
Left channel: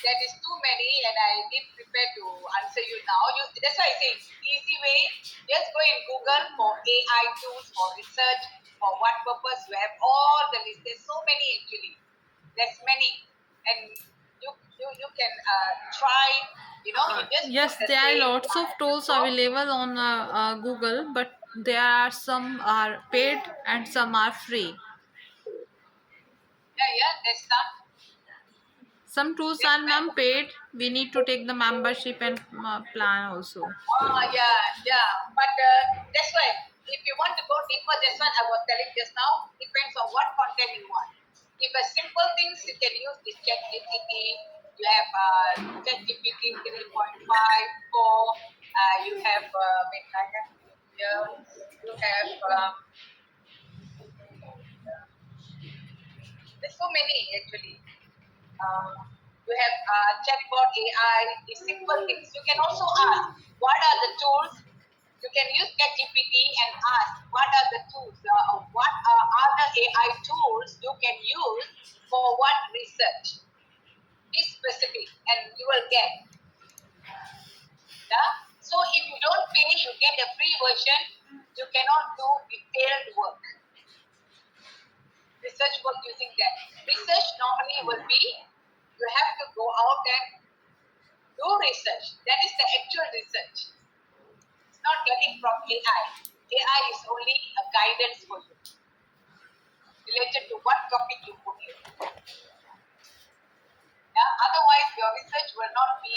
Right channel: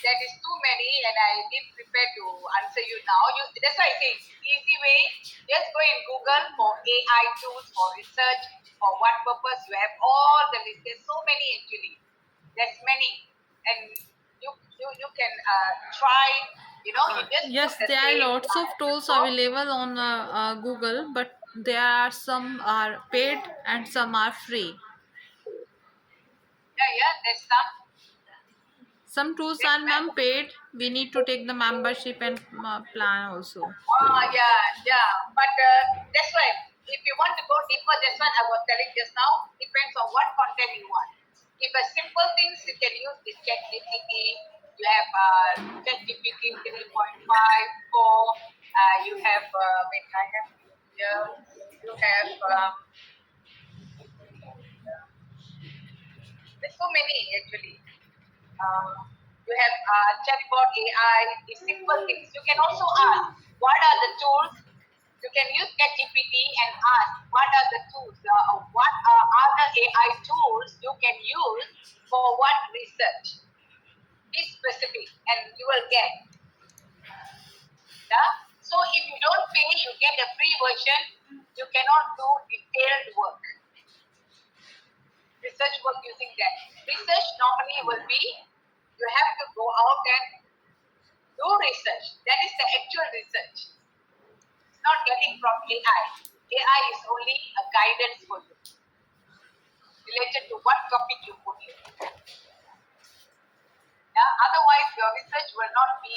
That is too many, and I did prepare to answer you now. That's why I say easy way. Just go in Google for AI tools for research. For what purpose? You have all the list. There's so many actually. There's many, and you can try. You just put Yes, the there are same lots of tools available on Google, but there are some are paid and some are free. Yeah. There's some. Some tools There's are ma'am many. paid. We need to take the membership and plan also. Yeah. But that's why if you want to go deeper, that's what I was telling just now. Depends on what content you want. If a simple things you can use this Chat GPT. You have Chat GPT 3.5, 4. You have wait, I have here. You have there's so many actually. You have chatbot AI, these simple things. You can also ask, what are the tools? You can use ChatGPT and ask, what are the tools? What are other AI tools you can use for what research? Be specific, and you will get. Yeah. So if you don't pay, you get a free version. You cannot do detailed work, research work using that. Research normally will be you have to go out and do research. That is the actual research. It's not getting from AI. AI is only a guidance for you related to what topic you put in. Yeah? Otherwise, your research will not be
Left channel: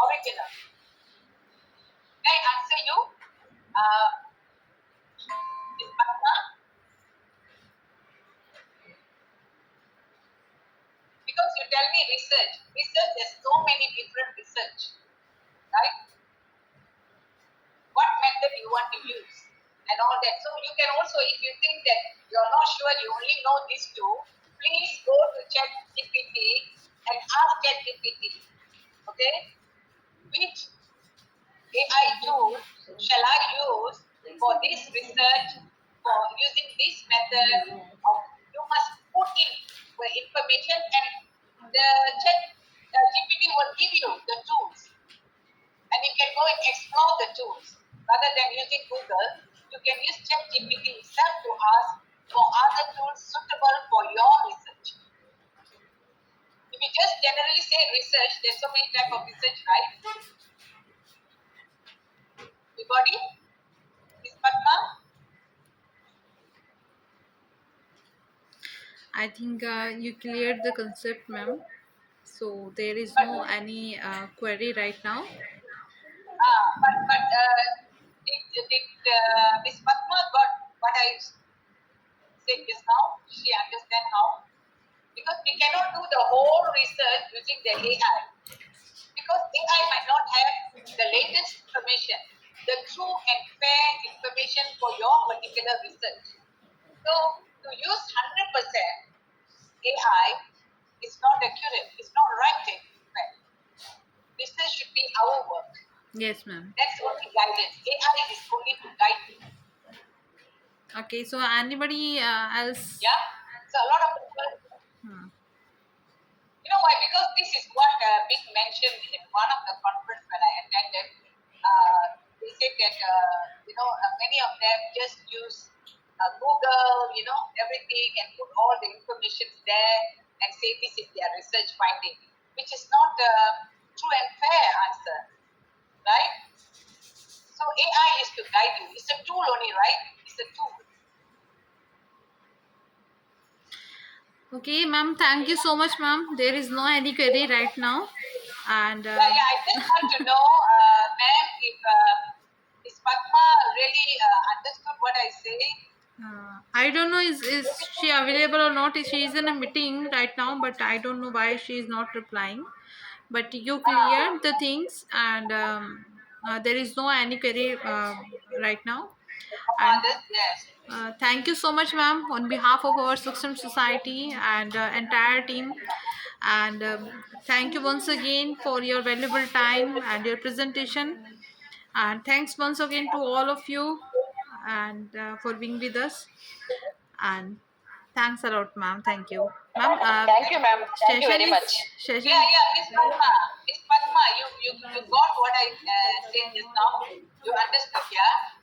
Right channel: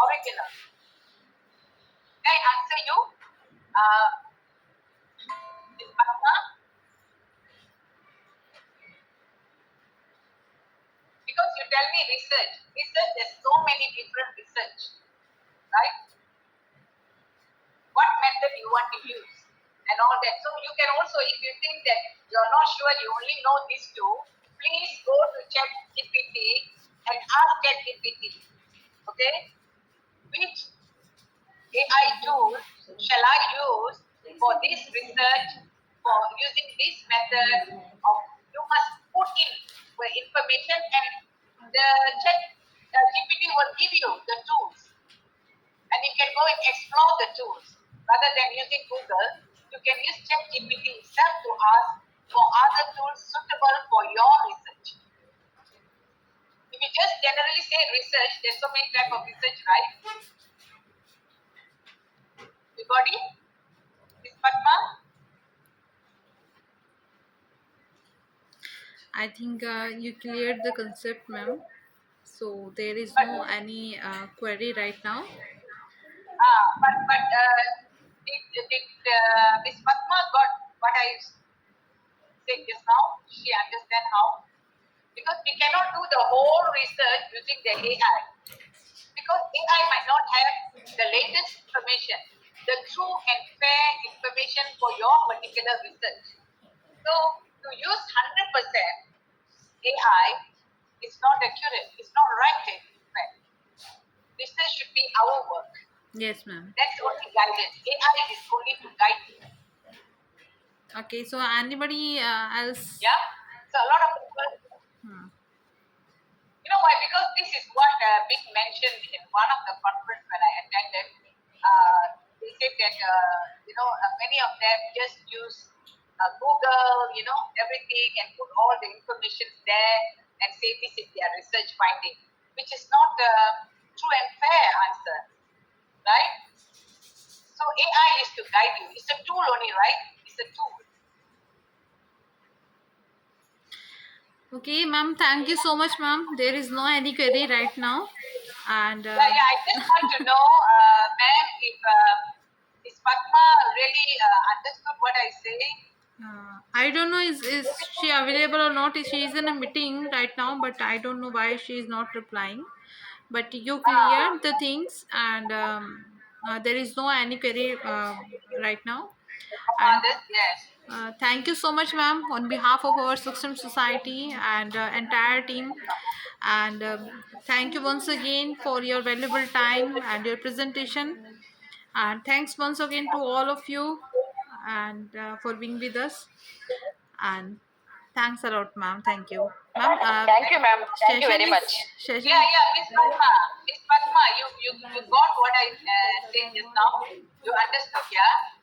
original. Can I answer you? Uh, Ms. Padma? Because you tell me research. Research, there's so many different research, right? What method you want to use and all that. So you can also, if you think that you're not sure, you only know these two, please go to ChatGPT and ask ChatGPT, okay, which AI tool shall I use for this research, for using this method of, you must put in the information and the GPT will give you the tools and you can go and explore the tools. Rather than using Google, you can use ChatGPT itself to ask for other tools suitable for your research. If you just generally say research, there's so many types of research, right? You got it? Miss Padma? I think you cleared the concept, ma'am. So there is But no any query right now. did Miss Padma got what I said just now? She understand how? Because we cannot do the whole research using the AI. Because AI might not have the latest information, the true and fair information for your particular research. So to use 100% AI is not accurate, it's not right in fact. Research should be our work. Yes, ma'am. That's only guidance. AI is only to guide you. Okay, so anybody else? Yeah. So a lot of people, Hmm. you know why? Because this is what Big mentioned in one of the conference when I attended. They said that many of them just use Google, everything, and put all the information there and say this is their research finding, which is not the true and fair answer, right? So AI is to guide you. It's a tool only, right? It's a tool. Okay, ma'am. Thank you so much, ma'am. There is no any query right now, and Yeah. I just want to know, ma'am, if Miss Padma really understood what I say. I don't know is she available or not. She is in a meeting right now, but I don't know why she is not replying. But you cleared the things, and there is no any query right now. And This, yes. thank you so much, ma'am, on behalf of our Suksum Society and entire team. And thank you once again for your valuable time and your presentation. And thanks once again to all of you and for being with us. And thanks a lot, ma'am. Thank you, ma'am. Thank you, ma'am. Thank you Session very is much. Yeah, session. yeah, Miss Padma. Miss Padma, you got what I said just now. You understood, yeah?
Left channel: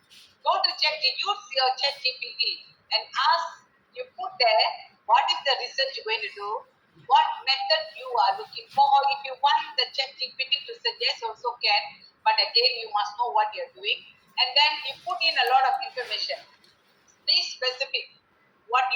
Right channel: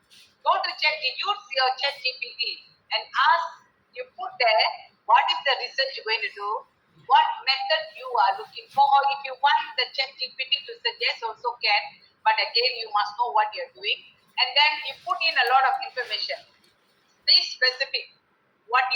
Go to use your chat GPT and ask, you put there, what is the research you're going to do? What method you are looking for? Or if you want the chat GPT to suggest, also can. But again, you must know what you're doing. And then you put in a lot of information. Be specific what you